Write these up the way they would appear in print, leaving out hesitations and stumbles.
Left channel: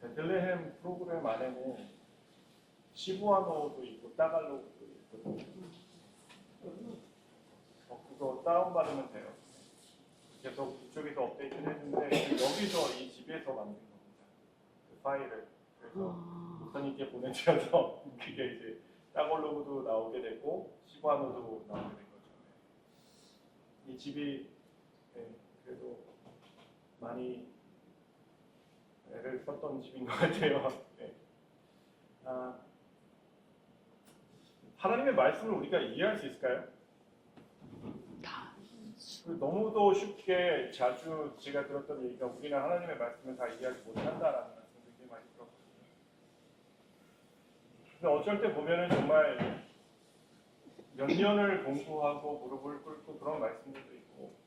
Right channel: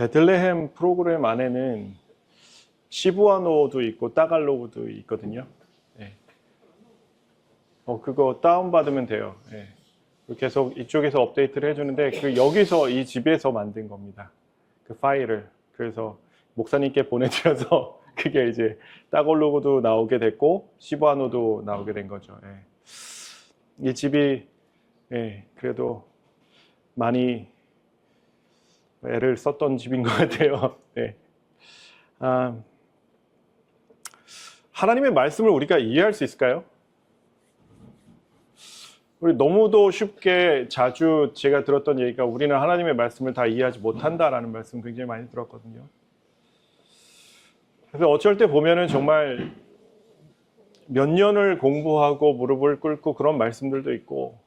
베들레헴 프로그램 안에는 시부아노도 있고 따갈로그도 있거든요. 네. 그거 다운받으면 돼요. 네. 계속 이쪽에서 업데이트를 해주는데 여기서 이 집에서 만든 겁니다. 그 파일을. 그래서 목사님께 보내드려서 그게 이제 따갈로그도 나오게 됐고 시부아노도 나오게 된 거죠. 네. 이 집이 그래도 많이 애를 썼던 집인 것 같아요. 네. 하나님의 말씀을 우리가 이해할 수 있을까요? 우리 너무도 쉽게 자주 제가 들었던 얘기가 우리는 하나님의 말씀을 다 이해하지 못한다라는 말씀 굉장히 많이 들었거든요. 그래서 어쩔 때 보면은 정말 몇 년을 공부하고 무릎을 꿇고 그런 말씀들도 있고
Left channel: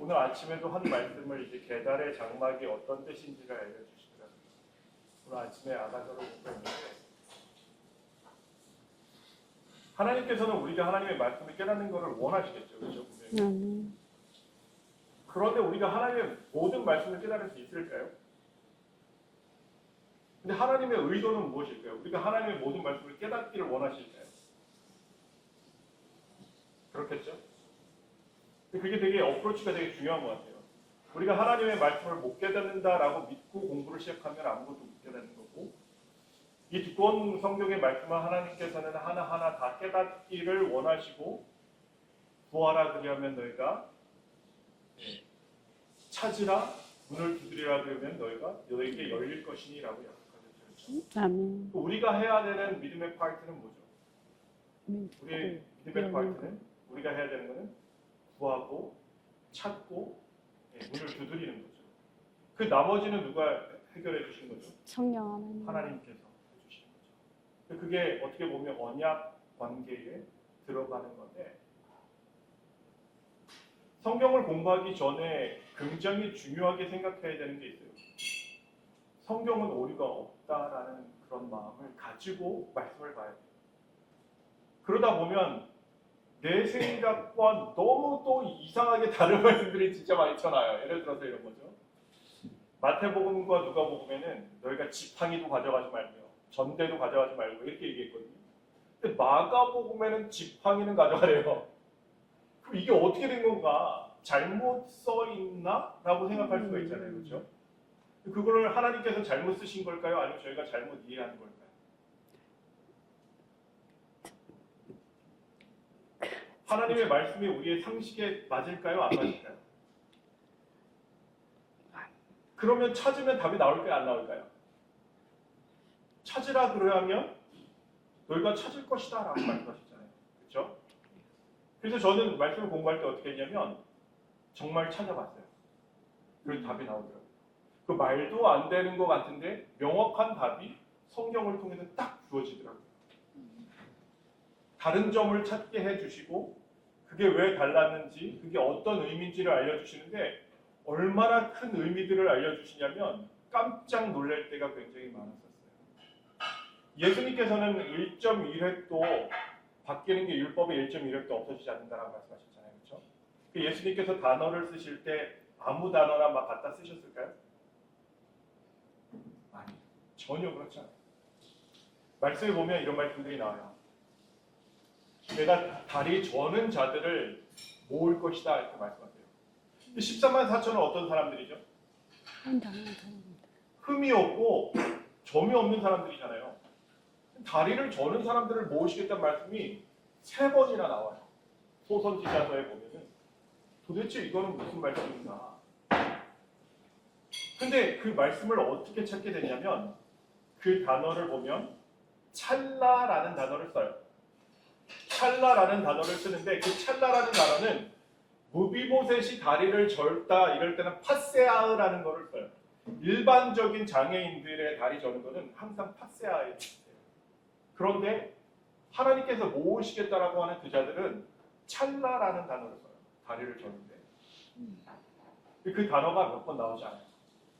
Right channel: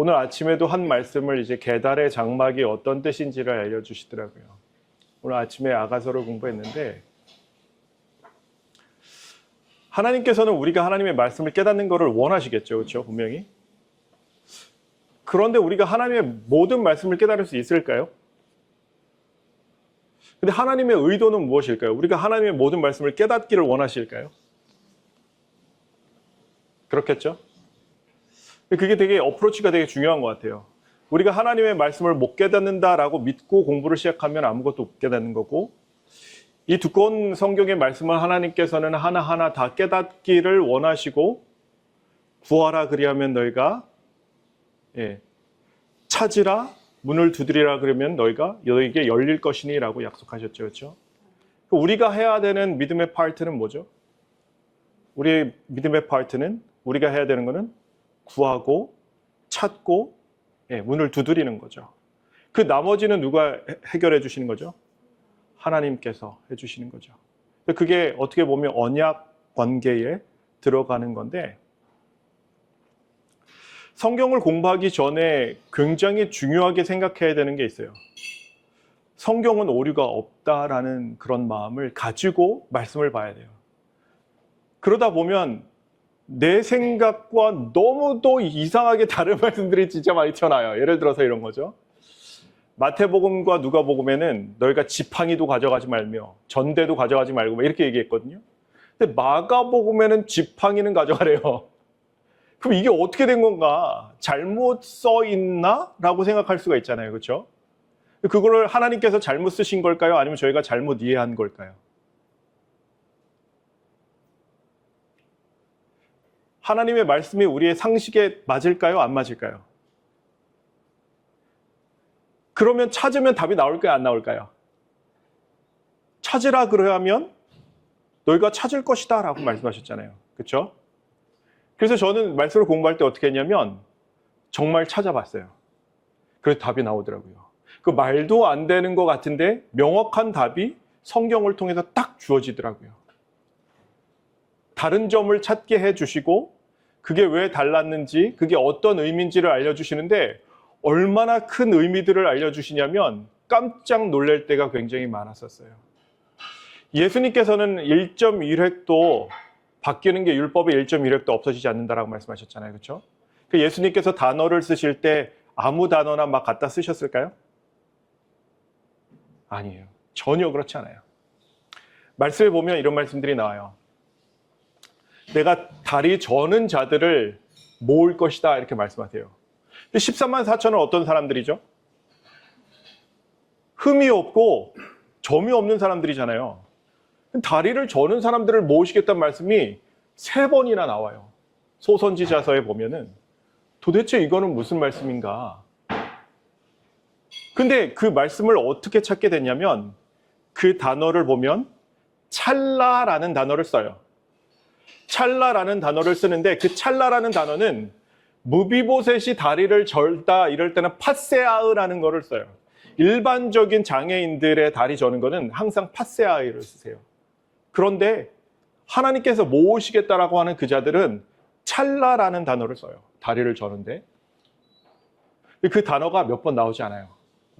오늘 아침에도 한 말씀을 이제 계달의 장막이 어떤 뜻인지를 알려주시더라고요. 오늘 아침에 아가서를 공부했는데 하나님께서는 우리가 하나님의 말씀을 깨닫는 것을 원하시겠죠. 그렇죠? 분명히. 그런데 우리가 하나님의 모든 말씀을 깨달을 수 있을까요? 근데 하나님의 의도는 무엇일까요? 우리가 하나님의 모든 말씀을 깨닫기를 원하실까요? 그렇겠죠? 그게 되게 어프로치가 되게 중요한 것 같아요. 우리가 하나님의 말씀을 못 깨닫는다라고 믿고 공부를 시작하면 아무것도 못 깨닫는 거고 이 두꺼운 성경의 말씀을 하나님께서는 하나하나 다 깨닫기를 원하시고 구하라 그리하면 너희가 찾으라 문을 두드리라 그러면 너희에게 열릴 것이니 라고 약속하셨죠. 그렇죠? 아멘. 우리가 해야 되는 믿음의 파트는 뭐죠? 우리의 믿음의 파트는 우리가 해야 되는 거는 구하고 찾고 문을 두드리는 거죠. 그 나머지는 누가 해결해 주시는 거죠? 성령 하나님께서 해주시는 거죠. 그게 어떻게 보면 언약 관계에 들어가는 건데 성경을 공부하기 전에 굉장히 중요하게 생각해야 되는 게 있어요. 성경은 오류가 없다라는 그런 마음을 가지고 말씀을 봐야 돼요. 그러다 보면 내 생각과 너무도 이상하게 다른 말씀들이 진짜 많이 튀어나와요. 예를 들어서 이런 거죠. 마태복음과 누가복음에는 너희가 지팡이도 가져가지 말며 전대도 가져가지 말고 이렇게 얘기했거든요. 근데 마가복음에는 지팡이는 가져가래요. 그럼 이게 어떻게 된 건가? 잘못 써 있나? 라고 생각할 수가 있잖아요. 그렇죠? 그거를 하나님께서 잘못 쓰신 걸까요? 아니면 저희가 잘못 이해한 걸까요? 하나님의 말씀이 우리의 상식에 맞을까요? 안 맞을까요? 그러면 찾으면 답이 나올까요? 안 나올까요? 찾으라 그러면 너희가 찾을 것이다 라고 말씀하셨잖아요. 그렇죠? 그래서 저는 말씀을 공부할 때 어떻게 했냐면 정말 찾아봤어요. 그래서 답이 나오더라고요. 그 말도 안 되는 것 같은데 명확한 답이 성경을 통해서 딱 주어지더라고요. 다른 점을 찾게 해주시고 그게 왜 달랐는지 그게 어떤 의미인지를 알려주시는데 얼마나 큰 의미들을 알려주시냐면 깜짝 놀랄 때가 굉장히 많았었어요. 예수님께서는 1.1획도 바뀌는 게 율법의 1.1획도 없어지지 않는다라고 말씀하셨잖아요. 그렇죠? 그 예수님께서 단어를 쓰실 때 아무 단어나 막 갖다 쓰셨을까요? 아니에요. 전혀 그렇지 않아요. 말씀에 보면 이런 말씀들이 나와요. 내가 다리 저는 자들을 모을 것이다 이렇게 말씀하세요. 13만 4천은 어떤 사람들이죠? 흠이 없고 점이 없는 사람들이잖아요. 다리를 저는 사람들을 모으시겠다는 말씀이 3번이나 나와요. 소선지자서에 보면은 도대체 이거는 무슨 말씀인가? 근데 그 말씀을 어떻게 찾게 됐냐면 그 단어를 보면 찰나라는 단어를 써요. 찰나라는 단어를 쓰는데 그 찰나라는 단어는 무비보셋이 다리를 절다 이럴 때는 파세아으라는 거를 써요. 일반적인 장애인들의 다리 저는 거는 항상 파세아이를 쓰세요. 그런데 하나님께서 모으시겠다라고 하는 그 자들은 찰나라는 단어를 써요. 다리를 저는데 그 단어가 몇 번 나오지 않아요.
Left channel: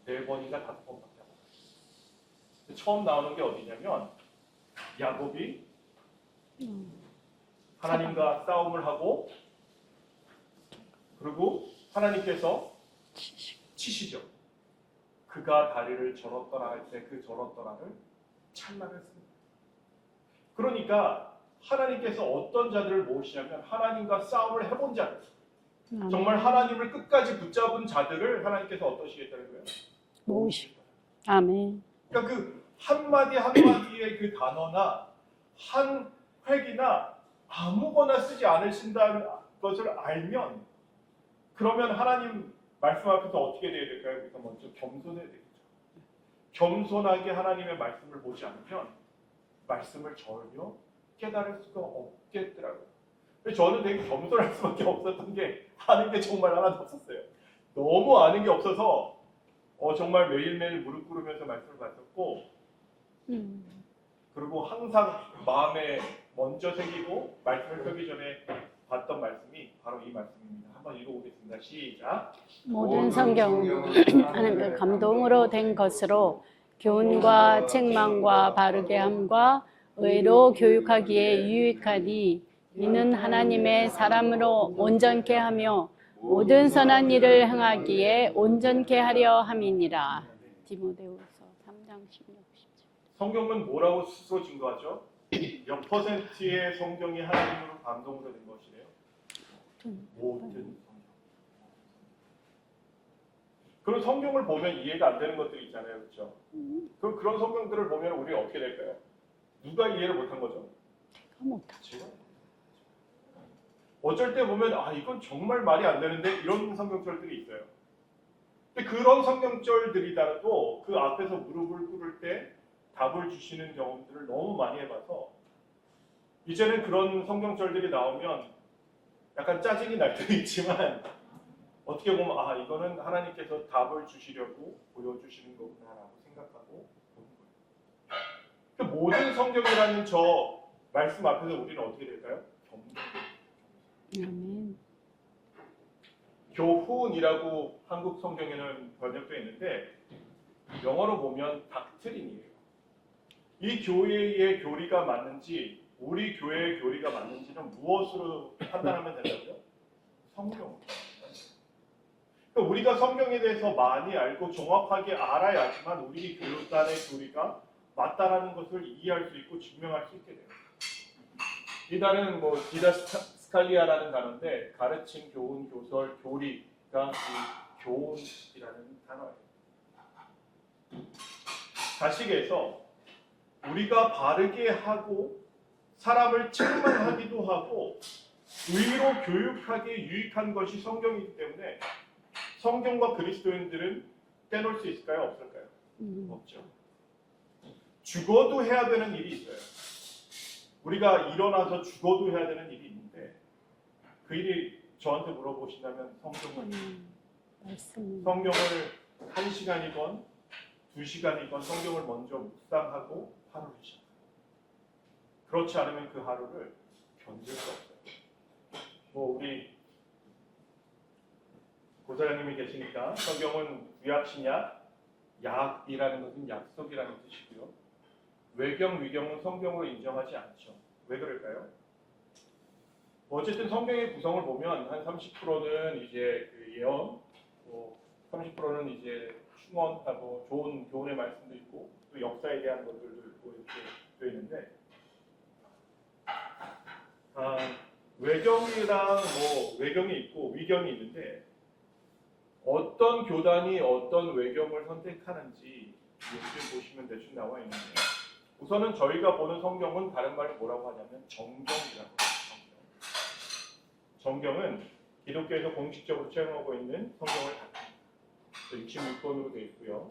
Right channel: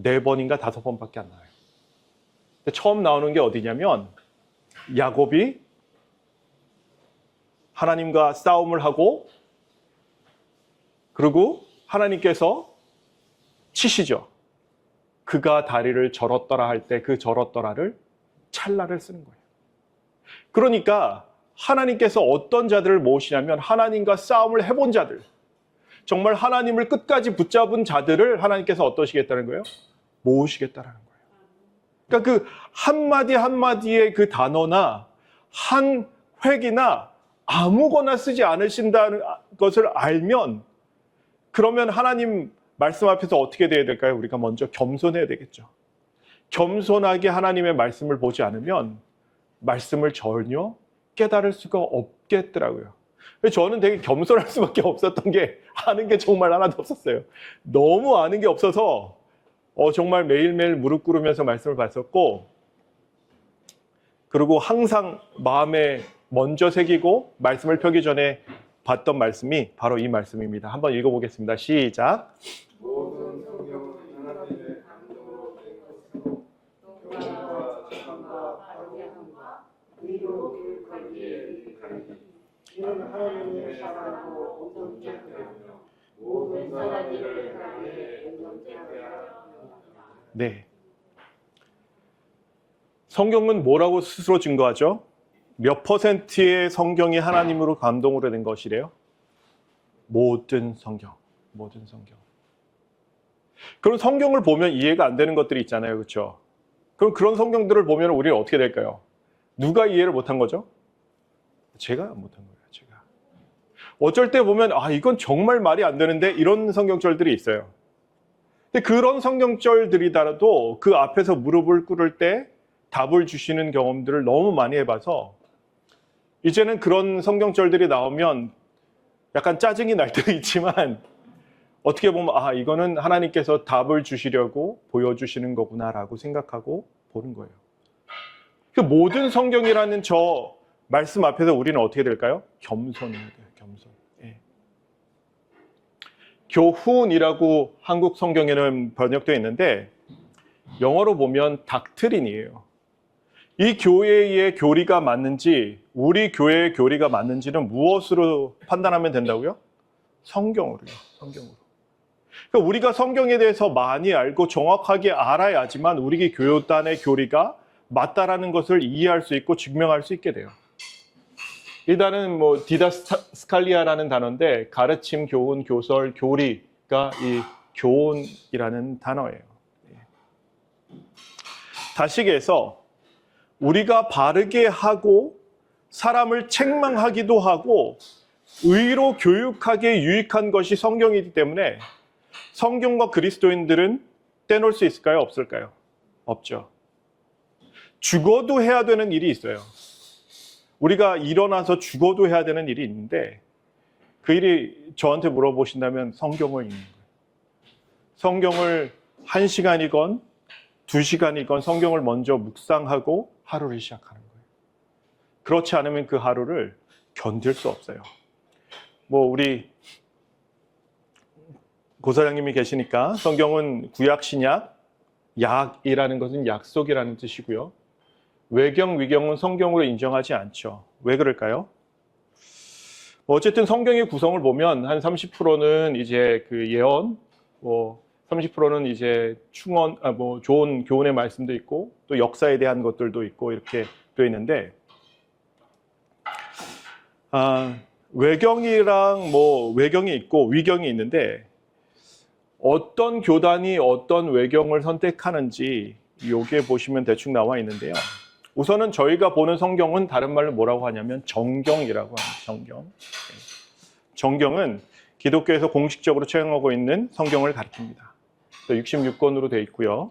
4번인가 5번밖에 안 나와요. 처음 나오는 게 어디냐면 야곱이 하나님과 싸움을 하고 그리고 하나님께서 치시죠. 그가 다리를 절었더라 할 때 그 절었더라를 찰나를 쓰는 거예요. 그러니까 하나님께서 어떤 자들을 모으시냐면 하나님과 싸움을 해본 자들, 정말 하나님을 끝까지 붙잡은 자들을 하나님께서 어떠시겠다는 거예요? 모으시겠다는 거예요. 아멘. 그러니까 그 한마디 한마디의 그 단어나 한 획이나 아무거나 쓰지 않으신다는 것을 알면, 그러면 하나님 말씀 앞에서 어떻게 돼야 될까요? 우리가 먼저 겸손해야 되겠죠. 겸손하게 하나님의 말씀을 보지 않으면 말씀을 전혀 깨달을 수가 없겠더라고요. 저는 되게 겸손할 수밖에 없었던 게, 아는 게 정말 하나도 없었어요. 너무 아는 게 없어서 정말 매일매일 무릎 꿇으면서 말씀을 봤었고, 그리고 항상 마음에 먼저 새기고 말씀을 펴기 전에 봤던 말씀이 바로 이 말씀입니다. 한번 읽어보겠습니다. 시작. 모든 성경은 하나님의 감동으로 된 것으로 교훈과 책망과 바르게 함과 의로 교육하기에 유익하니 이는 하나님의 사람으로 온전케 하며 모든 선한 일을 행하기에 온전케 하려 함이니라. 네. 디모데후서 3장 16, 17. 성경은 뭐라고 스스로 증거하죠? 몇 퍼센트의 성경이 하나님으로 감동으로 된 것이래요? 모든 성경. 모든 성경. 그럼 성경을 보면 이해가 안 되는 것들이 있잖아요. 그렇죠? 그럼 그런 성경들을 보면 우리는 어떻게 될까요? 누가 이해를 못한 거죠? 제가 못한 거예요. 제가. 어쩔 때 보면 이건 정말 말이 안 되는데 이런 성경절들이 있어요. 근데 그런 성경절들이더라도 그 앞에서 무릎을 꿇을 때 답을 주시는 경험들을 너무 많이 해봐서 이제는 그런 성경절들이 나오면 약간 짜증이 날 때도 있지만 어떻게 보면 이거는 하나님께서 답을 주시려고 보여주시는 거구나라고 생각하고 보는 거예요. 그 모든 성경이라는 저 말씀 앞에서 우리는 어떻게 될까요? 겸손해야 돼요. 겸손. 네. 교훈이라고 한국 성경에는 번역되어 있는데 영어로 보면 닥트린이에요. 이 교회의 교리가 맞는지, 우리 교회의 교리가 맞는지는 무엇으로 판단하면 된다고요? 성경으로요. 성경으로. 그러니까 우리가 성경에 대해서 많이 알고 정확하게 알아야지만 우리 교단의 교리가 맞다라는 것을 이해할 수 있고 증명할 수 있게 돼요. 이 단어는 디다스칼리아라는 단어인데 가르침, 교훈, 교설, 교리가 이 교훈이라는 단어예요. 다시기해서 우리가 바르게 하고 사람을 책망하기도 하고 의로 교육하기에 유익한 것이 성경이기 때문에 성경과 그리스도인들은 떼놓을 수 있을까요? 없을까요? 없죠. 죽어도 해야 되는 일이 있어요. 우리가 일어나서 죽어도 해야 되는 일이 있는데 그 일이 저한테 물어보신다면 성경을 읽는 거예요. 성경을 1시간이건 2시간이건 성경을 먼저 묵상하고 하루를 시작하는 거예요. 그렇지 않으면 그 하루를 견딜 수 없어요. 우리 고사장님이 계시니까 성경은 구약, 신약, 약이라는 것은 약속이라는 뜻이고요. 외경, 위경은 성경으로 인정하지 않죠. 왜 그럴까요? 어쨌든 성경의 구성을 보면 한 30%는 이제 그 예언, 30%는 이제 충언, 좋은 교훈의 말씀도 있고 또 역사에 대한 것들도 있고 이렇게 되어 있는데 외경이랑 외경이 있고 위경이 있는데 어떤 교단이 어떤 외경을 선택하는지 여기에 보시면 대충 나와 있는데요. 우선은 저희가 보는 성경은 다른 말로 뭐라고 하냐면 정경이라고 합니다. 정경. 정경은 기독교에서 공식적으로 채용하고 있는 성경을 가리킵니다. 66권으로 되어 있고요.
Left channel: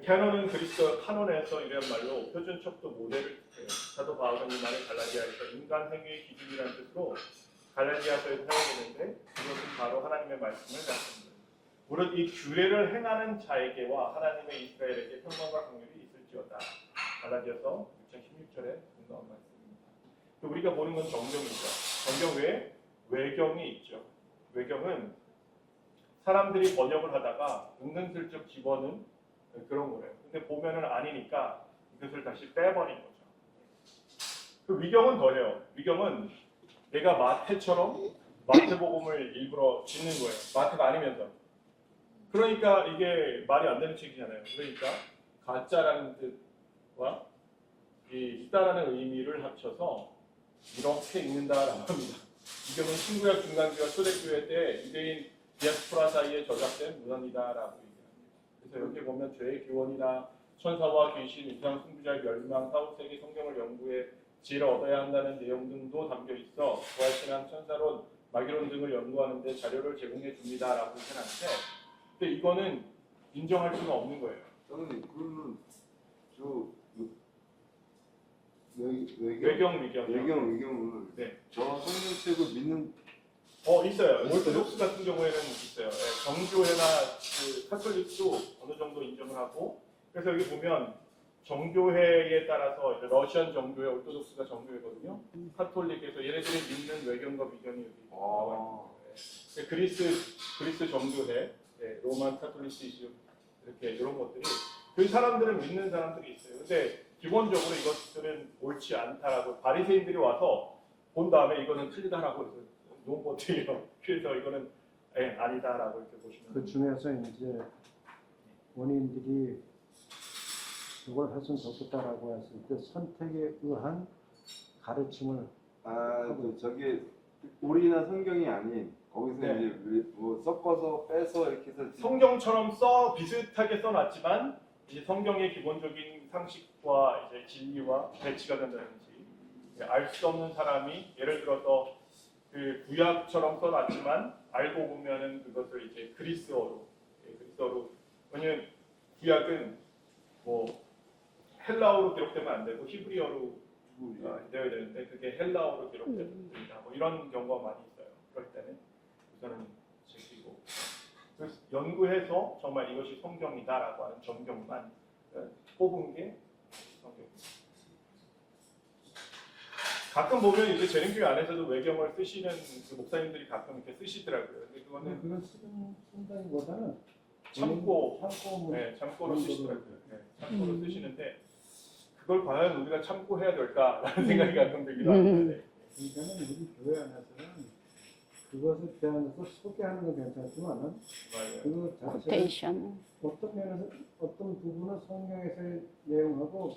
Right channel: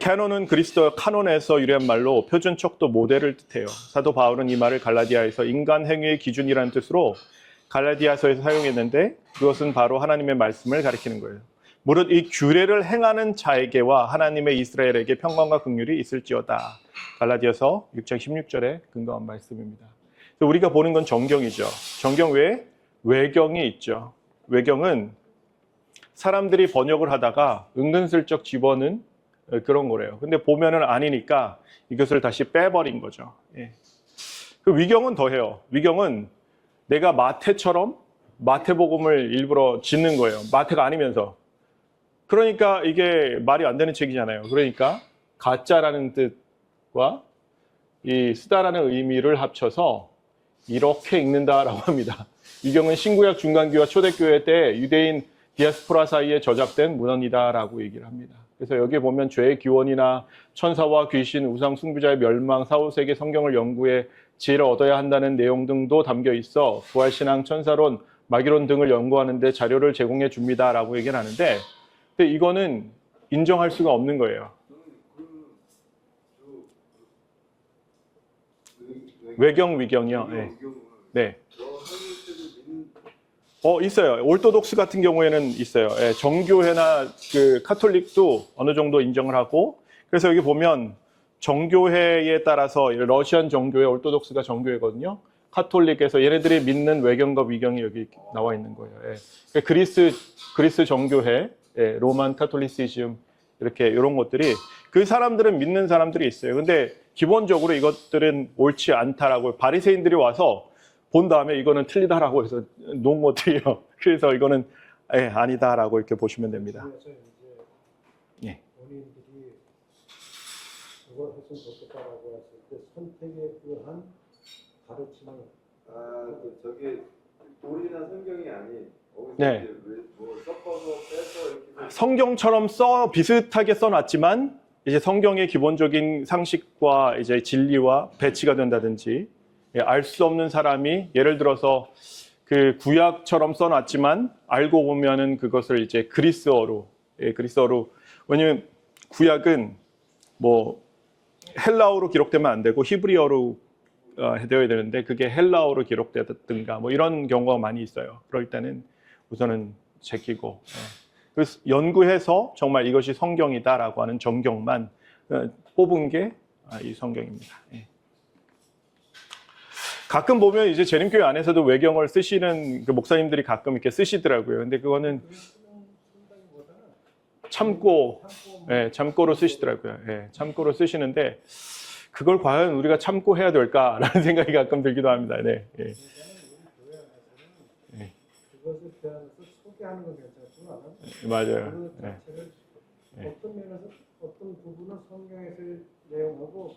캐논은 그리스도와 카논에서 유래한 말로 표준척도 모델을 뜻해요. 사도 바울은 이 말을 갈라디아에서 인간 행위의 기준이라는 뜻으로 갈라디아서에서 사용했는데 그것은 바로 하나님의 말씀을 가리키는 거예요. 무릇 이 규례를 행하는 자에게와 하나님의 이스라엘에게 평강과 긍휼이 있을지어다. 갈라디아서 6장 16절에 근거한 말씀입니다. 우리가 보는 건 정경이죠. 정경 외에 외경이 있죠. 외경은 사람들이 번역을 하다가 은근슬쩍 집어넣은 그런 거래요. 근데 보면은 아니니까 이것을 다시 빼버린 거죠. 예. 그 위경은 더해요. 위경은 내가 마태처럼 마태복음을 일부러 짓는 거예요. 마태가 아니면서. 그러니까 이게 말이 안 되는 책이잖아요. 그러니까 가짜라는 뜻과 이 쓰다라는 의미를 합쳐서 이렇게 읽는다라고 합니다. 이 경우는 신구약 중간기와 초대교회 때 유대인 디아스포라 사이에 저작된 문헌이다라고 얘기를 합니다. 그래서 여기 보면 죄의 기원이나 천사와 귀신, 우상 숭배자의 멸망, 사후세계 성경을 연구해 지혜를 얻어야 한다는 내용 등도 담겨 있어 부활신앙, 천사론, 마귀론 등을 연구하는 데 자료를 제공해 줍니다라고 얘기를 하는데, 근데 이거는 인정할 수가 없는 거예요. 그러면 외경 위경이요. 외경을 네. 저 성경책을 믿는 있어요. 올토독스 같은 경우에는 있어요. 예, 정교회나 그 카톨릭도 어느 정도 인정을 하고, 그래서 여기 보면 정교회에 따라서 러시안 정교회, 올토독스가 정교회거든요. 카톨릭에서 얘네들이 믿는 외경과 위경이 여기 나와 있는 거예요. 예. 그리스 정교회, 예, 로만 카톨리시즘 이렇게 이런 것들이 그 사람들은 믿는 사람들이 있어요. 근데 기본적으로 이것들은 옳지 않다라고 바리새인들이 와서 본 다음에 이거는 틀리다라고 해서 놓은 것들이에요. 그래서 이거는 아니다라고 이렇게 보시면 됩니다. 그중에서 이제 예. 본인들이 그걸 할 수는 없겠다라고 했을 때 선택에 의한 가르침을 저게 오리나 성경이 아닌 거기서 네. 이제 뭐 섞어서 빼서 이렇게 해서 성경처럼 비슷하게 써놨지만 이제 성경의 기본적인 상식과 이제 진리와 배치가 된다든지, 알 수 없는 사람이 예를 들어서 그 구약처럼 써놨지만 알고 보면은 그것을 이제 그리스어로, 왜냐면 구약은 뭐 헬라어로 기록되면 안 되고 히브리어로 되어야 되는데 그게 헬라어로 기록되든가 뭐 이런 경우가 많이 있어요. 그럴 때는 우선은 제끼고 그래서 연구해서 정말 이것이 성경이다라고 하는 정경만 뽑은 게 이 성경입니다. 예. 가끔 보면 이제 재림교회 안에서도 외경을 쓰시는 그 목사님들이 가끔 이렇게 쓰시더라고요. 근데 그거는 쓴다기보다는 참고로 쓰시더라고요. 예, 참고로 쓰시는데 그걸 과연 우리가 참고해야 될까라는 생각이 가끔 들기도 합니다. 네. 예. 그러니까는 우리 교회 안에서는 네. 그것에 대해서 소개하는 건 괜찮지만 맞아요. 그 자체를 코테이션. 어떤 면에서 어떤 부분은 성경에서의 내용하고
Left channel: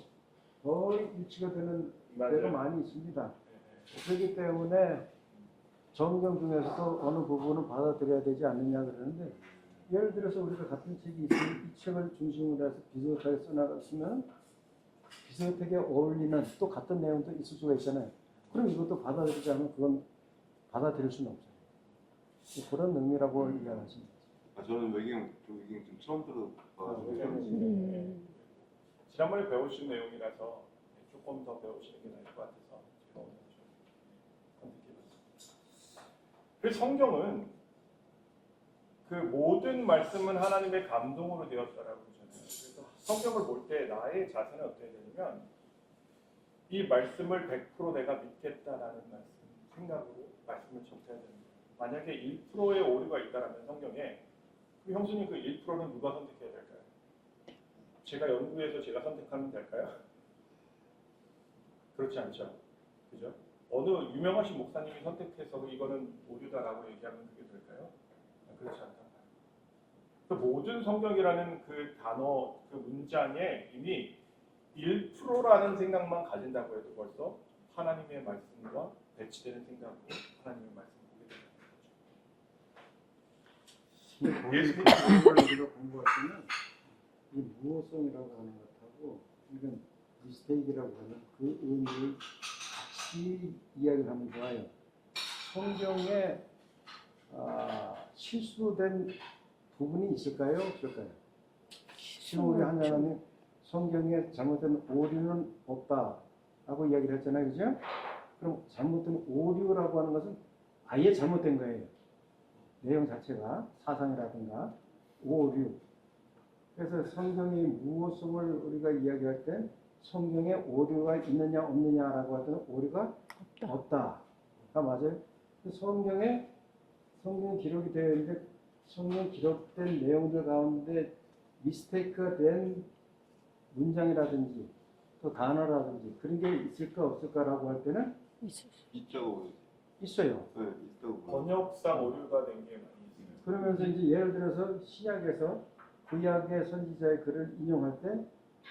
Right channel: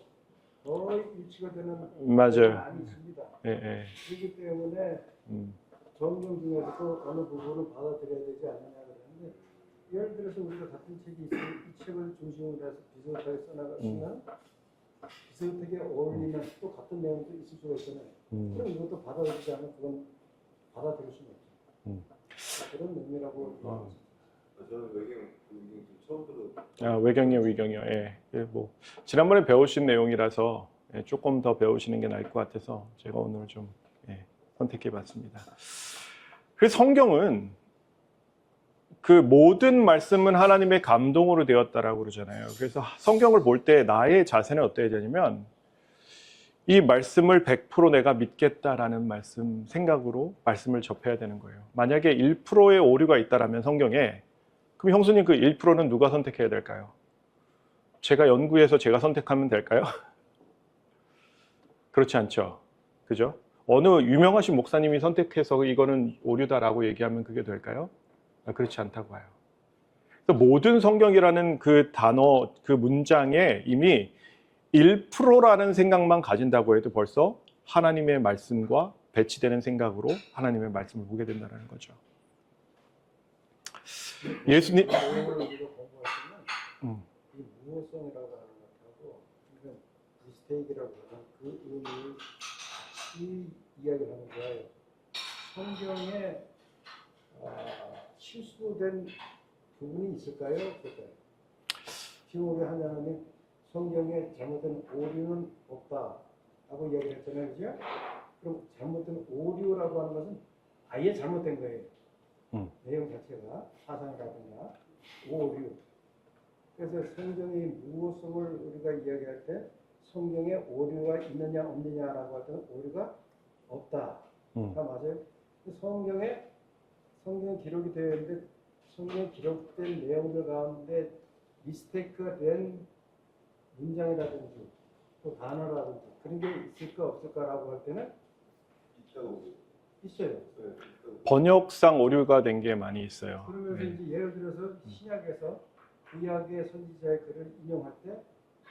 거의 일치가 되는 맞아요. 경우가 많이 있습니다. 예, 예. 그렇기 때문에 음, 성경 중에서도 어느 부분을 받아들여야 되지 않느냐 그러는데, 예를 들어서 우리가 같은 책이 있으면 이 책을 중심으로 해서 비슷하게 써나갔으면 비슷하게 어울리는 또 같은 내용도 있을 수가 있잖아요. 그럼 이것도 받아들이지 않으면 그건 받아들일 수는 없죠. 그런 의미라고 이해하겠습니다. 저는 외경 좀 처음 들어. 외경이요, 위경이요. 예. 뭐 지난번에 배우신 내용이라서 조금 더 배우시는 게 나을 것 같아서 제가 오늘 좀 선택해봤습니다. 그래서 성경은 그 모든 말씀은 하나님의 감동으로 되었다라고 그러잖아요. 그래서 성경을 볼 때 나의 자세는 어때야 되냐면 이 말씀을 100% 내가 믿겠다라는 생각으로 말씀을 접해야 되는 거예요. 만약에 1%의 오류가 있다라면 성경에, 그럼 형수님 그 1%는 누가 선택해야 될까요? 제가 연구해서 제가 선택하면 될까요? 그렇지 않죠. 그죠? 어느 유명하신 목사님이 선택해서 이거는 오류다라고 얘기하면 그게 될까요? 그렇지 않다고 봐요. 그래서 모든 성경이라는 그 단어, 그 문장에 이미 1%라는 생각만 가진다고 해도 벌써 하나님의 말씀과 배치되는 생각으로 하나님의 말씀을 보게 된다는 거죠. 예수님 우리가 공부하시면 이 무호성이라고 하는 것하고 이런 미스테이크라고 하는 그 의미를 같이 이야기를 하면 좋아요. 성경에 실수된 부분이 있을까요? 없을까요? 지금 우리 하나님이 성경에 잘못된 오류는 없다라고 이야기를 했잖아요. 그죠? 그럼 잘못된 오류라고 하는 것은 아예 잘못된 거예요. 내용 자체가 사상이라든가 오류. 그래서 성경의 무호성을 우리가 이야기할 때 성경에 오류가 있느냐 없느냐라고 할 때는 오류가 없다. 맞아요. 성경이 기록이 되어 있는데 성경에 기록된 내용들 가운데 미스테이크가 된 문장이라든지 또 단어라든지 그런 게 있을까 없을까라고 할 때는 있죠. 있어요. 네, 있다고. 번역상 오류가 된 게 많이 있어요. 그러면서 이제 예를 들어서 시약에서 구약의 선지자의 글을 인용할 때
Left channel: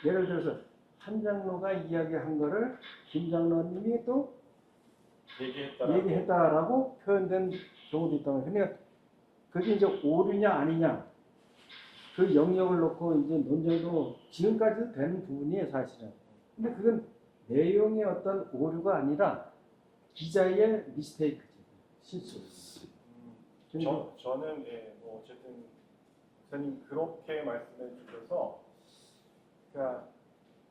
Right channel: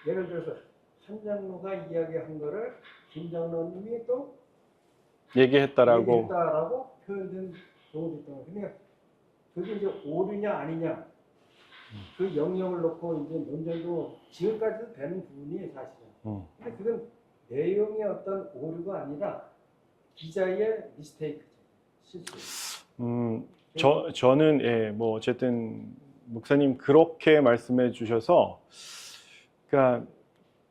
예를 들어서 한 장로가 이야기한 거를 김 장로님이 또 얘기했다라고. 얘기했다라고 표현된 경우도 있다고. 그러니까 그게 이제 오류냐 아니냐 그 영역을 놓고 이제 논쟁도 지금까지도 되는 부분이에요 사실은. 근데 그건 내용의 어떤 오류가 아니라 기자의 미스테이크죠. 실수. 저는 예, 뭐 어쨌든 목사님 그렇게 말씀해 주셔서, 그러니까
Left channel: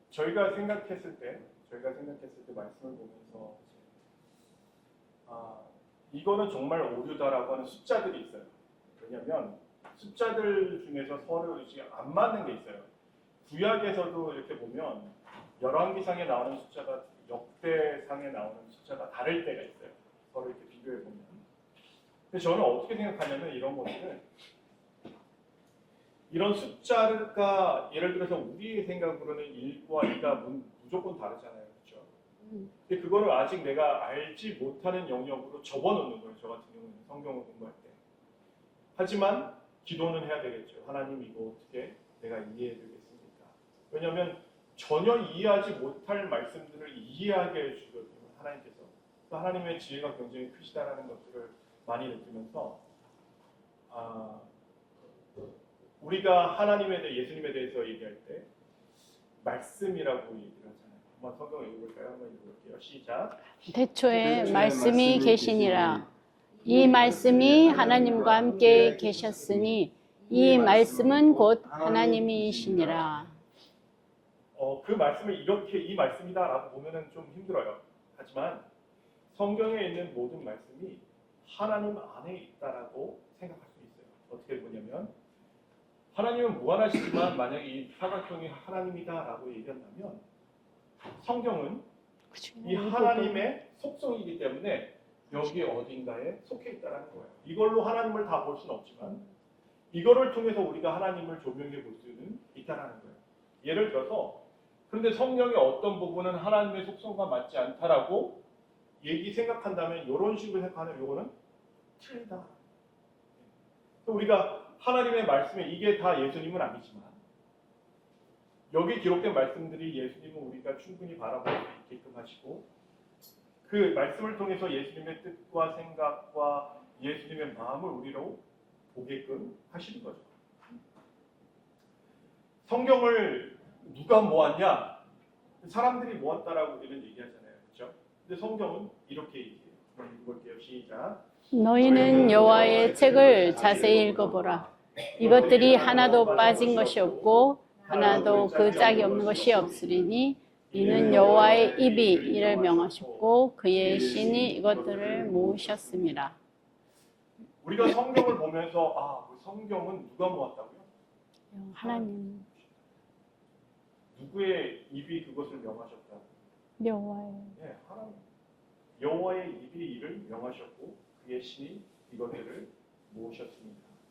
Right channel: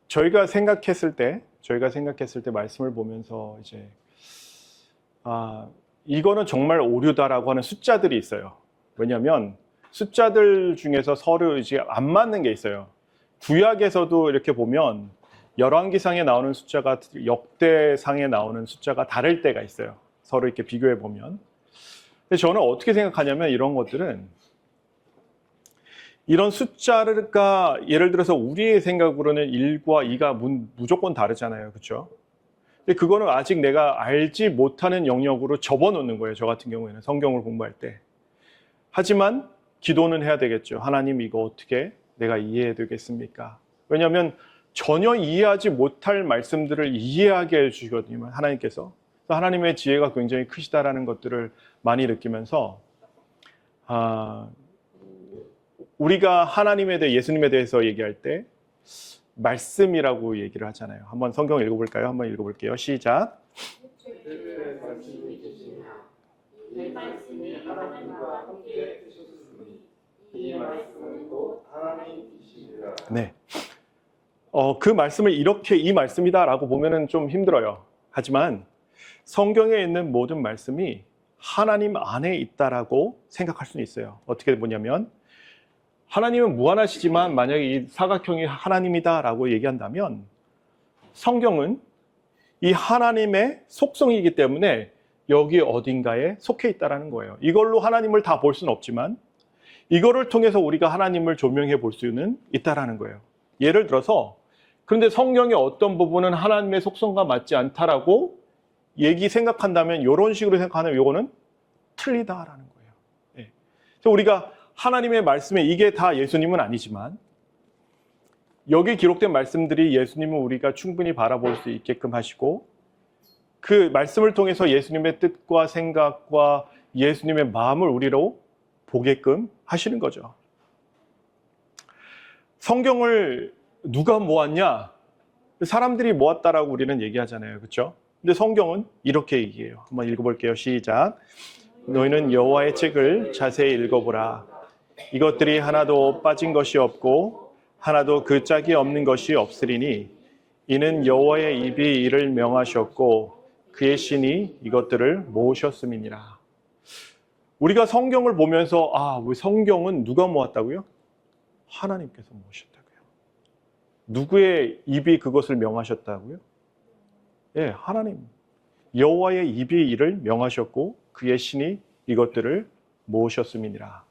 저희가 생각했을 때 말씀을 보면서 이제 이거는 정말 오류다라고 하는 숫자들이 있어요. 왜냐하면 숫자들 중에서 서로 이제 안 맞는 게 있어요. 구약에서도 이렇게 보면 열왕기상에 나오는 숫자가 역대상에 나오는 숫자가 다를 때가 있어요. 서로 이렇게 비교해 보면. 근데 저는 어떻게 생각하냐면 이런 것들은 이런 숫자가 예를 들어서 우리의 생각으로는 1과 2가 무조건 다르잖아요. 그렇죠? 근데 그거는 아직 내가 알지 못하는 영역으로 접어놓는 거예요. 저 같은 경우에는 성경을 공부할 때. 하지만 기도는 해야 되겠죠. 하나님 이거 어떻게 내가 이해해야 되겠습니까? 왜냐하면 전혀 이해하지 못할 말씀들을 이해하게 해주시거든요. 하나님께서. 하나님의 지혜가 굉장히 크시다라는 것들을 많이 느끼면서 우리가 하나님에 대해 예수님에 대해서 얘기할 때 말씀이라고 얘기를 하잖아요. 한번 성경 읽어볼까요? 한번 읽어볼게요. 시작. 태초에 말씀이 계시니라. 이 말씀이 하나님과 함께 계셨으니 이 말씀은 곧 하나님이시니라. 네. 그 말씀을 이렇게 이 말씀이다라고 보면은 좀 힘들어요. 하지만 성경에 있는 모든 말씀이 하나님 안에 있다라고 생각할 수는 있어요. 어떻게 보냐면 하나님은 무한하시지만 만약에 이 사각형이 하나님이다라고 얘기한다면 성경은 이 하나님의 속성이기 때문에 여기 어딘가에 속해 있다라는 거예요. 이걸로 하나님을 다 볼 수는 없지만 이거를 통해서 우리가 하나님을 조명해 볼 수는 있다라는 거예요. 예를 들어서 그런데 성경의 어떤 부분은 하나님의 속성과 맞지 않다라고 생각한다면 이런 식으로 생각하면 이거는 틀리다라는 거예요. 네. 그래서 우리가 하나님의 말씀에 이게 다 예수님은 아니지만 여기 기록된 말씀들이 예수님은 우리가 충분히 바라볼 수 있게끔 하시고 그 말씀을 통해서 예수님의 뜻과 생각과 예수님의 마음을 우리로 보게끔 하시는 거죠. 성경을 누가 모았냐? 사람들이 모았다라고 우리는 얘기하잖아요. 그렇죠? 근데 성경은 이렇게 얘기해요. 한번 읽어볼게요. 시작. 너희는 여호와의 책을 자세히 읽어보라. 이것들이 하나도 빠진 것이 없고 하나도 그 짝이 없는 것이 없으리니 이는 여호와의 입이 이를 명하셨고 그의 신이 이것들을 모으셨음이니라. 우리가 성경을 보면서 왜 성경은 누가 모았다고요? 하나님께서 모으셨다고요. 누구의 입이 그것을 명하셨다고요? 여호와의. 예, 하나님. 여호와의 입이 이를 명하셨고 그의 신이 이것들을 모으셨음이니라.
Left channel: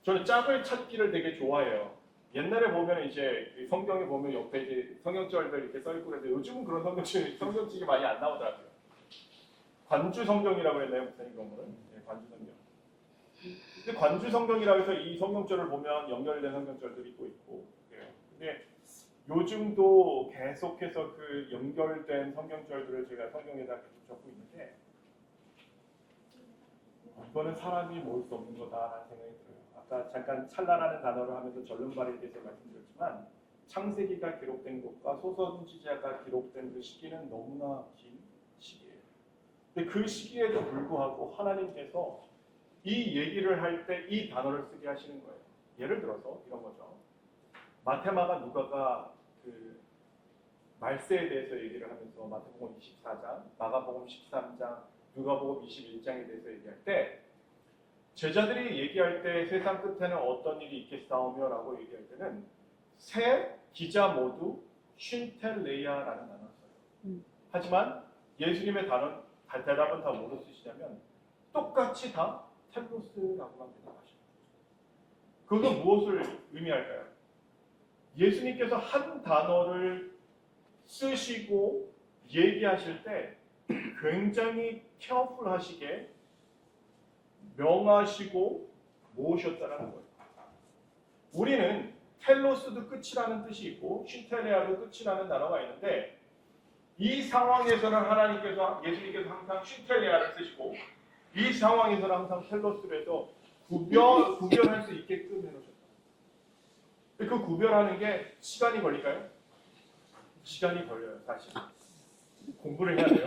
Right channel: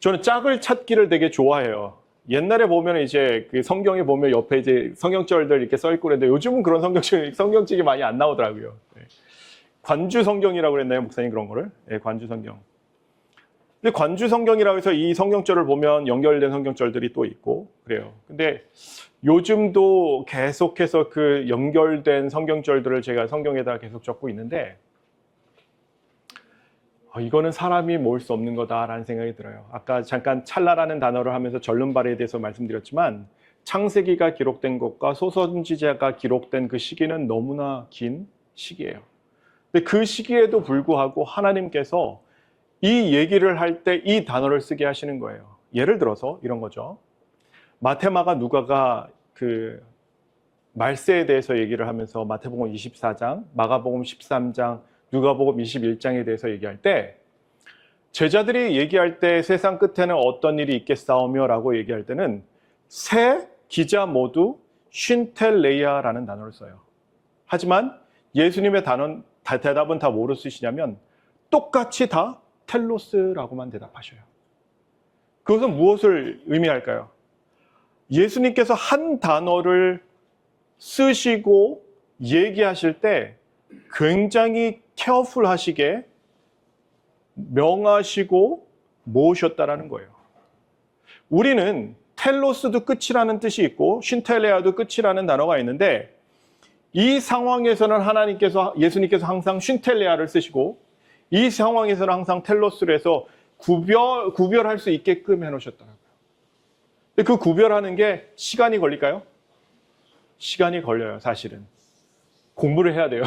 저는 짝을 찾기를 되게 좋아해요. 옛날에 보면 이제 그 성경에 보면 옆에 이제 성경절들 이렇게 써 있고 그랬는데 요즘은 그런 성경책이 많이 안 나오더라고요. 관주 성경이라고 그랬나요, 목사님 그런 거를? 네, 관주 성경. 근데 관주 성경이라고 해서 이 성경절을 보면 연결된 성경절들이 또 있고 그래요. 근데 요즘도 계속해서 그 연결된 성경절들을 제가 성경에다 계속 적고 있는데 이거는 사람이 모을 수 없는 거다라는 생각이 들어요. 아까 잠깐 찰나라는 단어를 하면서 절름발에 대해서 말씀드렸지만 창세기가 기록된 것과 소선지자가 기록된 그 시기는 너무나 긴 시기예요. 근데 그 시기에도 불구하고 하나님께서 이 얘기를 할 때 이 단어를 쓰게 하시는 거예요. 예를 들어서 이런 거죠. 마태마가 누가가 그 말세에 대해서 얘기를 하면서 마태복음 24장, 마가복음 13장, 누가복음 21장에 대해서 얘기할 때 제자들이 얘기할 때 세상 끝에는 어떤 일이 있겠사오며 라고 얘기할 때는 세 기자 모두 쉰텔레이아라는 단어를 써요. 하지만 예수님의 대답은 다 뭐로 쓰시냐면 똑같이 다 텔로스라고만 대답하셔요. 그것은 무엇을 의미할까요? 예수님께서 한 단어를 쓰시고 얘기하실 때 굉장히 케어풀하시게 명하시고 모으셨다라는 거예요. 우리는 텔로스도 끝이라는 뜻이 있고 쉰텔레아도 끝이라는 단어가 있는데 이 상황에서는 예수님께서 항상 쉰텔레아를 쓰시고 이 상황에서는 항상 텔로스를 해서 구별할 수 있게끔 해놓으셨더라고요. 근데 그 구별하는 게 시간이 걸릴까요? 시간이 걸려요, 사실은. 공부를 해야 돼요.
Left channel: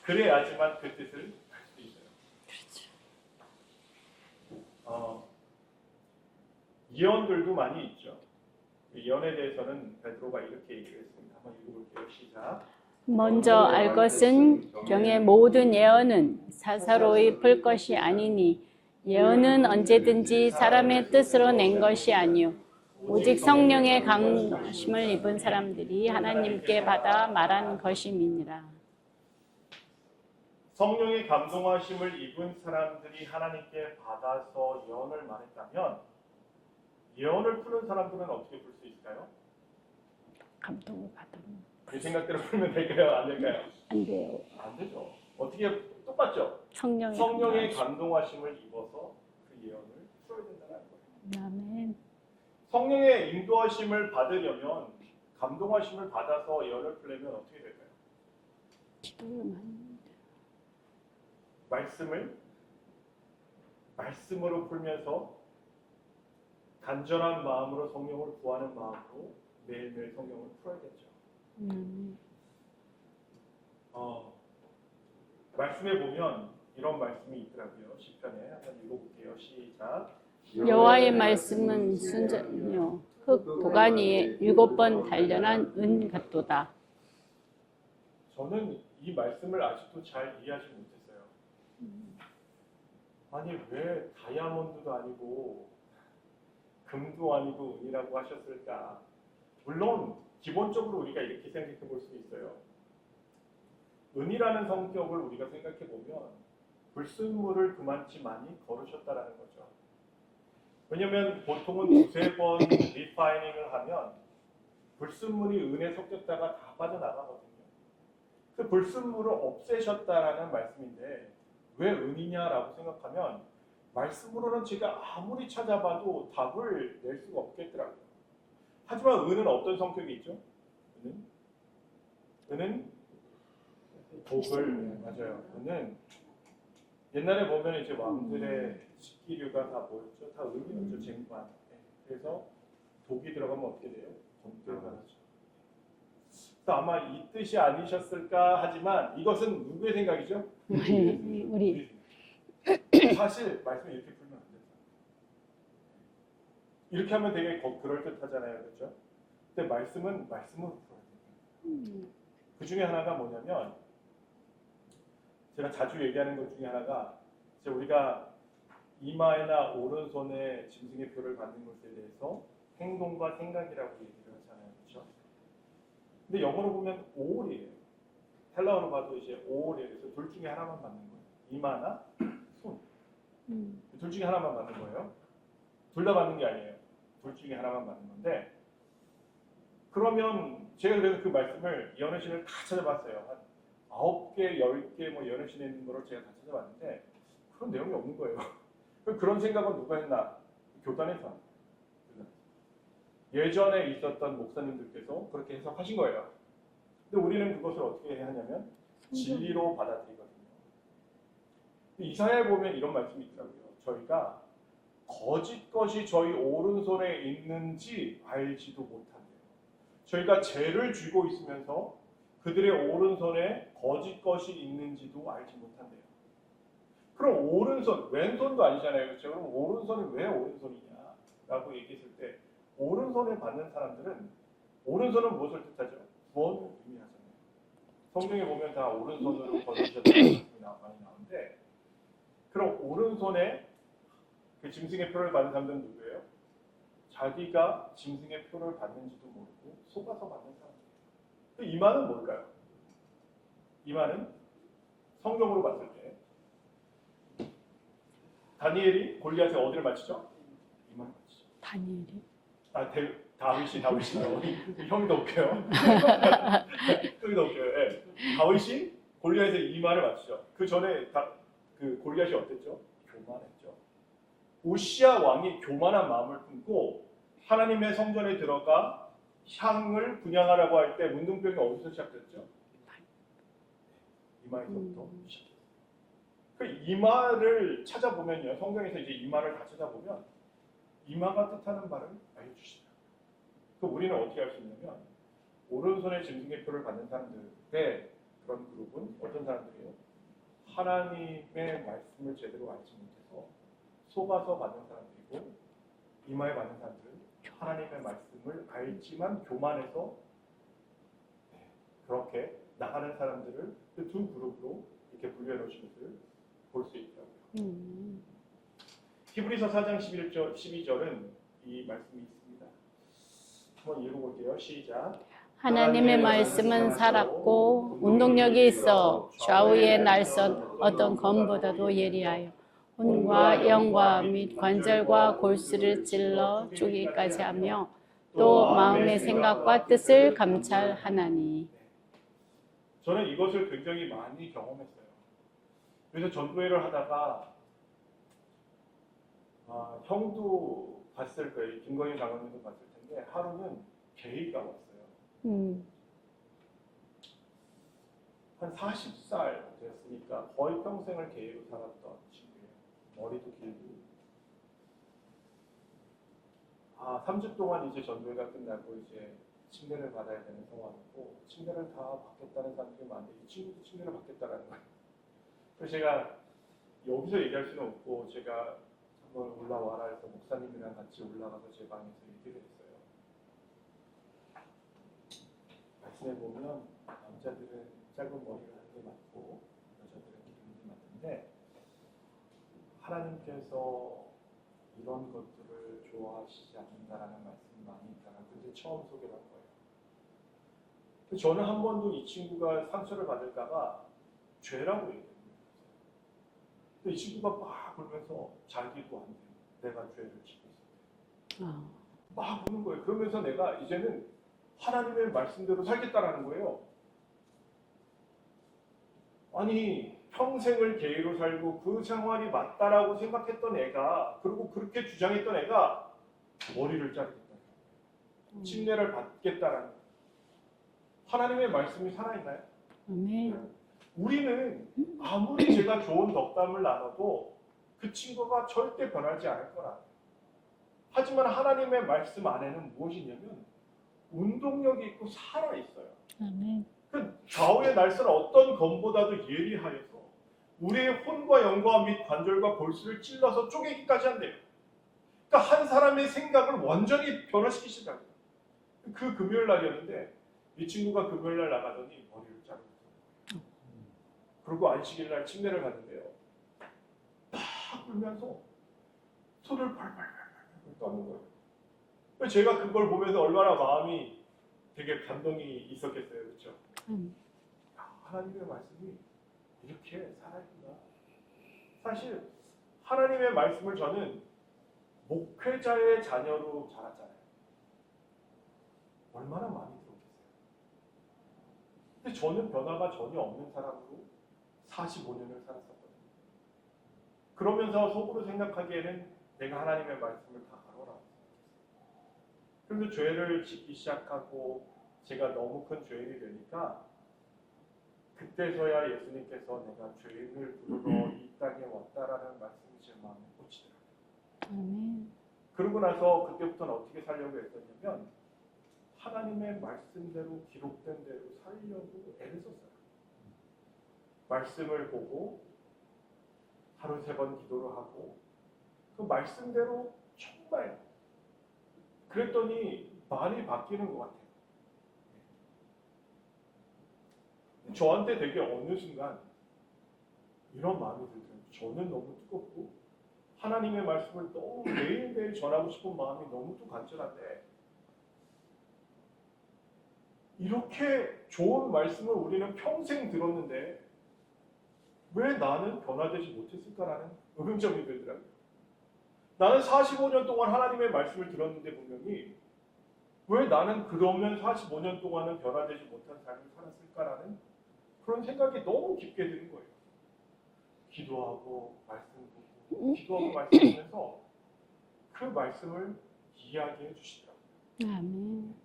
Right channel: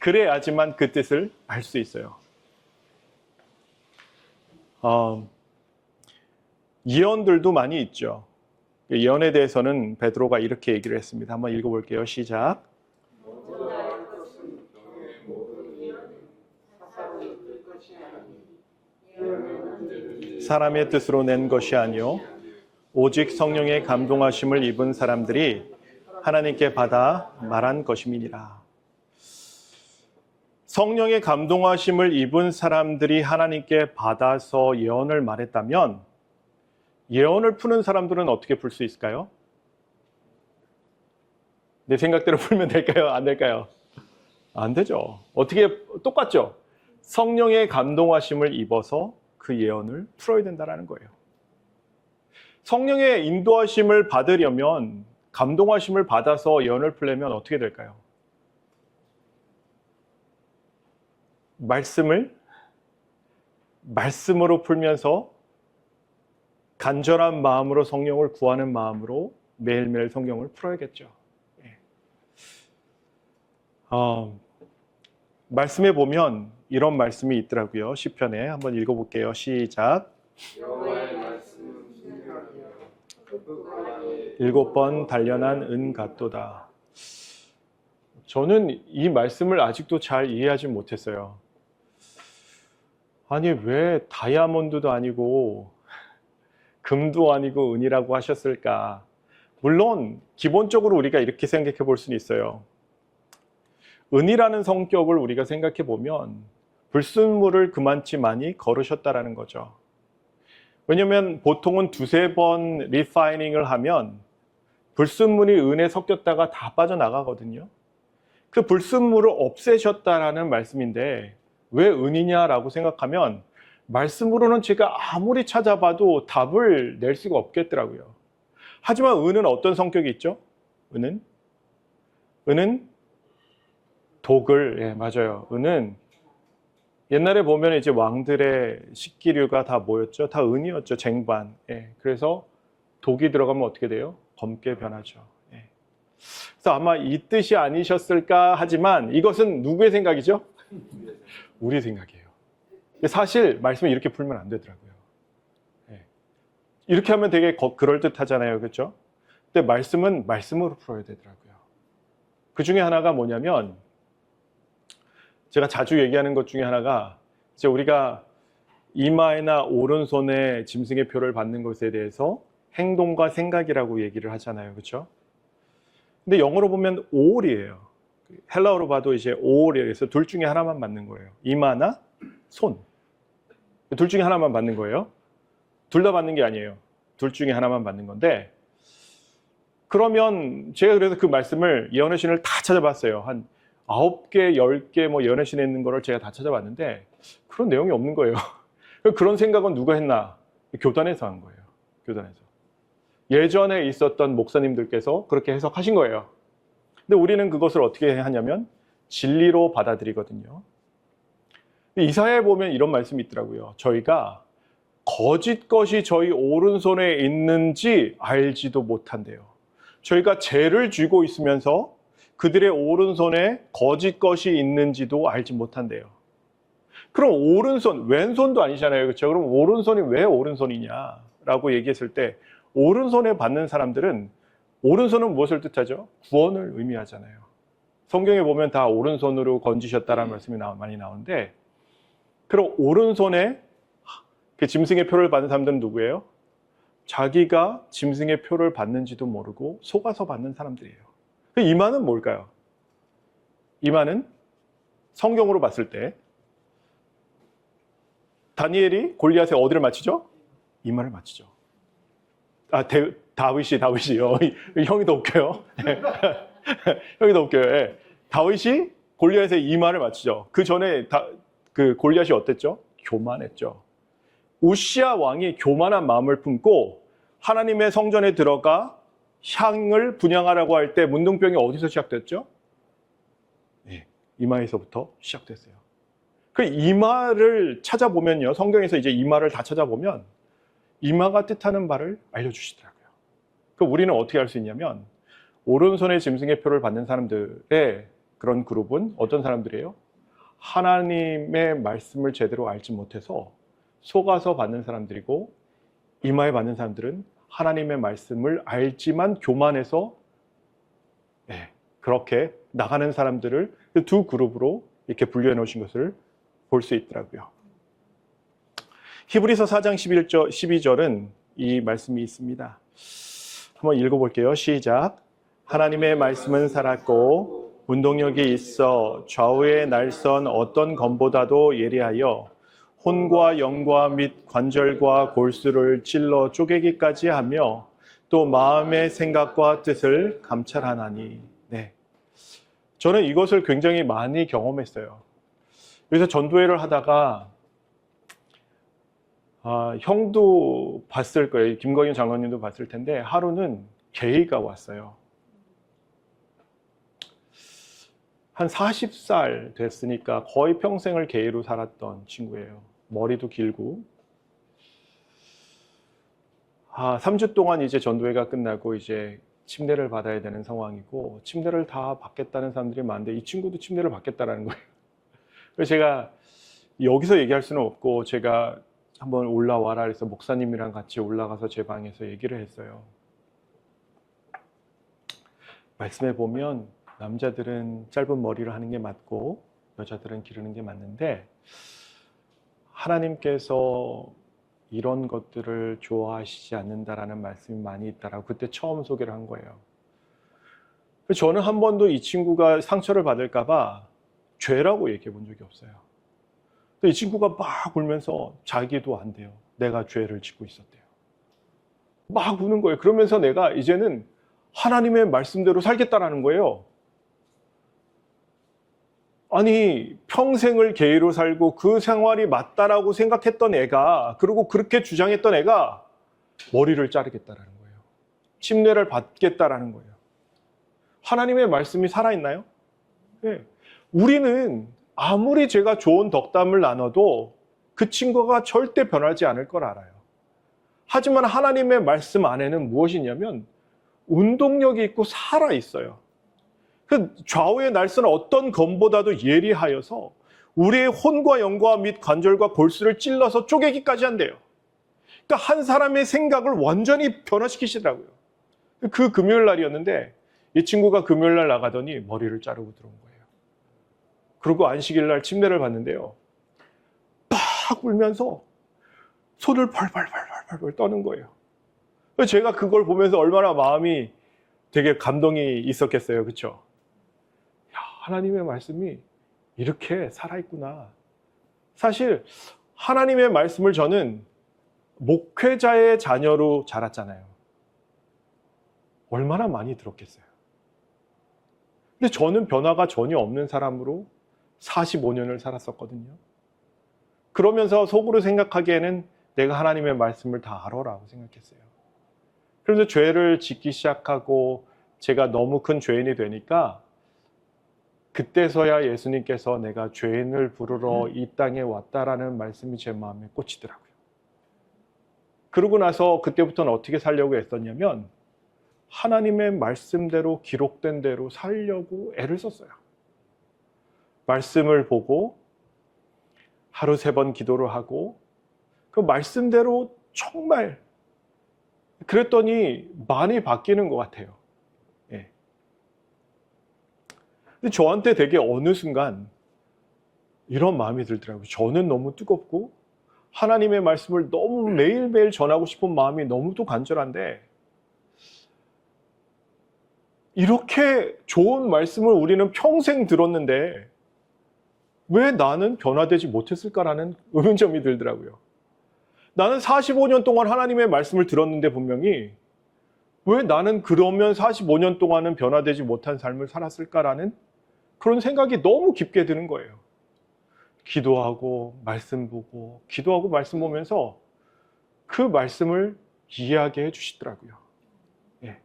그래야지만 그 뜻을 알 수 있어요. 예언들도 많이 있죠. 예언에 대해서는 베드로가 이렇게 얘기를 했습니다. 한번 읽어볼게요. 시작. 먼저 알 것은 경의 모든 예언은 사사로이 풀 것이 아니니 예언은 언제든지 사람의 뜻으로 낸 것이 아니요 오직 성령의 감동하심을 입은 사람들이 하나님께 받아 말한 것임이니라. 성령의 감동하심을 입은 사람들이 하나님께 받아서 예언을 말했다면 예언을 푸는 사람들은 어떻게 풀 수 있을까요? 감동을 받아. 내 생각대로 풀면 될까요? 안 될까요? 안 돼요. 안 되죠. 어떻게 똑같죠? 성령의 감동하심을 입어서 그 예언을 풀어야 된다는 거예요. 아멘. 성령의 인도하심을 받으려면 감동하심을 받아서 예언을 풀려면 어떻게 될까요? 말씀으로 풀면서 간절한 마음으로 성령을 구하는 마음으로 매일매일 성경을 풀어야겠죠. 말씀에 보면 이런 말씀이 있더라고요. 시편에 한번 읽어볼게요. 시작. 여호와의 말씀은 순전요 흙 보관이에 7번 단련한 은 같도다. 저는 이 말씀을 아직도 잘 이해하지 못했어요. 아니 왜 다이아몬드도 아니고 금도 아니고 은이라고 하셨을까? 물론 기본적으로 우리가 이렇게 생각해 볼 수는 있어요. 은이라는 성격을 우리가 생각해 보면 불순물을 그만치 많이 거르셨다라는 거죠. 왜냐하면 보통은 2-3번 리파이닝을 하면 불순물이 은에 섞였다가 다 빠져나가거든요. 그 불순물을 없애셨다라는 말씀인데 왜 은이냐라고 생각하면 말씀으로는 제가 아무리 찾아봐도 답을 낼 수가 없겠더라고요. 하지만 은은 어떤 성격이 있죠? 은은 독을, 맞아요. 은은 옛날에 보면 이제 왕들의 식기류가 다 뭐였죠? 다 은이었죠. 쟁반. 그래서 독이 들어가면 어떻게 돼요? 검게 변하죠. 그래서 아마 이 뜻이 아니셨을까 하지만 이것은 누구의 생각이죠? 우리 생각이에요. 사실 말씀을 이렇게 풀면 안 되더라고요. 이렇게 하면 되게 그럴듯하잖아요. 그렇죠? 근데 말씀은 말씀으로 풀어야 되더라고요. 그 중에 하나가 뭐냐면 제가 자주 얘기하는 것 중에 하나가 이제 우리가 이마에나 오른손에 짐승의 표를 받는 것에 대해서 행동과 생각이라고 얘기를 하잖아요. 그렇죠? 근데 영어로 보면 all이에요. 헬라어로 봐도 이제 all이에요. 그래서 둘 중에 하나만 맞는 거예요. 이마나 손. 둘 중에 하나만 맞는 거예요. 둘 다 맞는 게 아니에요. 둘 중에 하나만 맞는 건데 그러면 제가 그래서 그 말씀을 예언의 신을 다 찾아봤어요. 한 9개, 10개 뭐 예언의 신에 있는 거를 제가 다 찾아봤는데 그런 내용이 없는 거예요. 그런 생각은 누가 했나? 교단에서 한 거예요. 교단에서. 예전에 있었던 목사님들께서 그렇게 해석하신 거예요. 근데 우리는 그것을 어떻게 하냐면 진리로 받아들이거든요. 이사야에 보면 이런 말씀이 있더라고요. 저희가 거짓 것이 저희 오른손에 있는지 알지도 못한대요. 저희가 죄를 쥐고 있으면서 그들의 오른손에 거짓 것이 있는지도 알지 못한대요. 그럼 오른손, 왼손도 아니잖아요. 그렇죠? 그럼 오른손이 왜 오른손이냐라고 얘기했을 때 오른손에 받는 사람들은 오른손은 무엇을 뜻하죠? 구원을 의미하잖아요. 성경에 보면 다 오른손으로 건지셨다라는 말씀이 많이 나오는데 그럼 오른손에 그 짐승의 표를 받은 사람들은 누구예요? 자기가 짐승의 표를 받는지도 모르고 속아서 받는 사람들이에요. 이마는 뭘까요? 이마는 성경으로 봤을 때 다니엘이 골리앗에 어디를 맞추죠? 이마를 맞추죠. 다니엘이? 다윗이요. 형이 더 웃겨요. 형이 더 웃겨요. 다윗이 골리앗의 이마를 맞추죠. 그 전에 그 골리앗이 어땠죠? 교만했죠. 우시야 왕이 교만한 마음을 품고 하나님의 성전에 들어가 향을 분향하라고 할 때 문둥병이 어디서 시작됐죠? 네, 이마에서부터 시작됐어요. 그 이마를 찾아보면요, 성경에서 이제 이마를 다 찾아보면 이마가 뜻하는 바를 알려주시더라고요. 그 우리는 어떻게 알 수 있냐면 오른손에 짐승의 표를 받는 사람들의 그런 그룹은 어떤 사람들이에요? 하나님의 말씀을 제대로 알지 못해서 속아서 받는 사람들이고, 이마에 받는 사람들은 하나님의 말씀을 알지만 교만해서 그렇게 나가는 사람들을 그 두 그룹으로 이렇게 분류해 놓으신 것을 볼 수 있더라고요. 히브리서 4장 12절은 이 말씀이 있습니다. 한번 읽어볼게요. 시작. 하나님의 말씀은 살았고 운동력이 있어 좌우의 날선 어떤 검보다도 예리하여 혼과 영과 및 관절과 골수를 찔러 쪼개기까지 하며 또 마음의 생각과 뜻을 감찰하나니. 네. 저는 이것을 굉장히 많이 경험했어요. 그래서 전도회를 하다가 형도 봤을 거예요. 김광현 장로님도 봤을 텐데 하루는 게이가 왔어요. 한 40살 됐으니까 거의 평생을 게이로 살았던 친구예요. 머리도 길고. 3주 동안 이제 전도회가 끝나고 이제 침례를 받아야 되는 상황이고, 침례를 다 받겠다는 사람들이 많은데 이 친구도 침례를 받겠다라는 거예요. 그래서 제가 여기서 얘기할 수는 없고 제가 한번 올라와라 그래서 목사님이랑 같이 올라가서 제 방에서 얘기를 했어요. 말씀해 보면 남자들은 짧은 머리를 하는 게 맞고 여자들은 기르는 게 맞는데 하나님께서 이런 것들을 좋아하시지 않는다라는 말씀이 많이 있다라고 그때 처음 소개를 한 거예요. 저는 한 번도 이 친구가 상처를 받을까 봐 죄라고 얘기해 본 적이 없어요. 이 친구가 막 울면서 자기도 안 돼요. 내가 죄를 짓고 있었대요. 막 우는 거예요. 그러면서 내가 이제는 하나님의 말씀대로 살겠다라는 거예요. 아니, 평생을 게이로 살고 그 생활이 맞다라고 생각했던 애가, 그리고 그렇게 주장했던 애가 머리를 자르겠다라는 거예요. 침례를 받겠다라는 거예요. 하나님의 말씀이 살아있나요? 네. 우리는 아무리 제가 좋은 덕담을 나눠도 그 친구가 절대 변하지 않을 걸 알아요. 하지만 하나님의 말씀 안에는 무엇이냐면 운동력이 있고 살아있어요. 그 좌우의 날선은 어떤 검보다도 예리하여서 우리의 혼과 영과 및 관절과 골수를 찔러서 쪼개기까지 한대요. 그러니까 한 사람의 생각을 완전히 변화시키시더라고요. 그 금요일 날이었는데 이 친구가 금요일 날 나가더니 머리를 자르고 들어온 거예요. 그리고 안식일 날 침례를 받는데요. 팍 울면서 손을 벌벌 떠는 거예요. 제가 그걸 보면서 얼마나 마음이 되게 감동이 있었겠어요. 그렇죠? 하나님의 말씀이 이렇게 살아있구나. 사실 하나님의 말씀을 저는 목회자의 자녀로 자랐잖아요. 얼마나 많이 들었겠어요. 근데 저는 변화가 전혀 없는 사람으로 45년을 살았었거든요. 그러면서 속으로 생각하기에는 내가 하나님의 말씀을 다 알아라고 생각했어요. 그래서 죄를 짓기 시작하고 제가 너무 큰 죄인이 되니까 그때서야 예수님께서 내가 죄인을 부르러 이 땅에 왔다라는 말씀이 제 마음에 꽂히더라고요. 그러고 나서 그때부터는 어떻게 살려고 했었냐면 하나님의 말씀대로 기록된 대로 살려고 애를 썼어요. 말씀을 보고 하루 3번 기도를 하고 그 말씀대로 정말 그랬더니 많이 바뀌는 것 같아요. 예. 근데 저한테 되게 어느 순간 이런 마음이 들더라고요. 저는 너무 뜨겁고 하나님의 말씀을 너무 매일매일 전하고 싶은 마음이 너무도 간절한데 이렇게 좋은 말씀을 우리는 평생 들었는데 왜 나는 변화되지 못했을까라는 의문점이 들더라고요. 나는 45년 동안 하나님의 말씀을 들었는데 분명히 왜 나는 그러면 45년 동안은 변화되지 못한 삶을 살았을까라는 그런 생각이 너무 깊게 드는 거예요. 기도하고 말씀 보고 기도하고 말씀 보면서 그 말씀을 이해하게 해주시더라고요. 아멘. 예.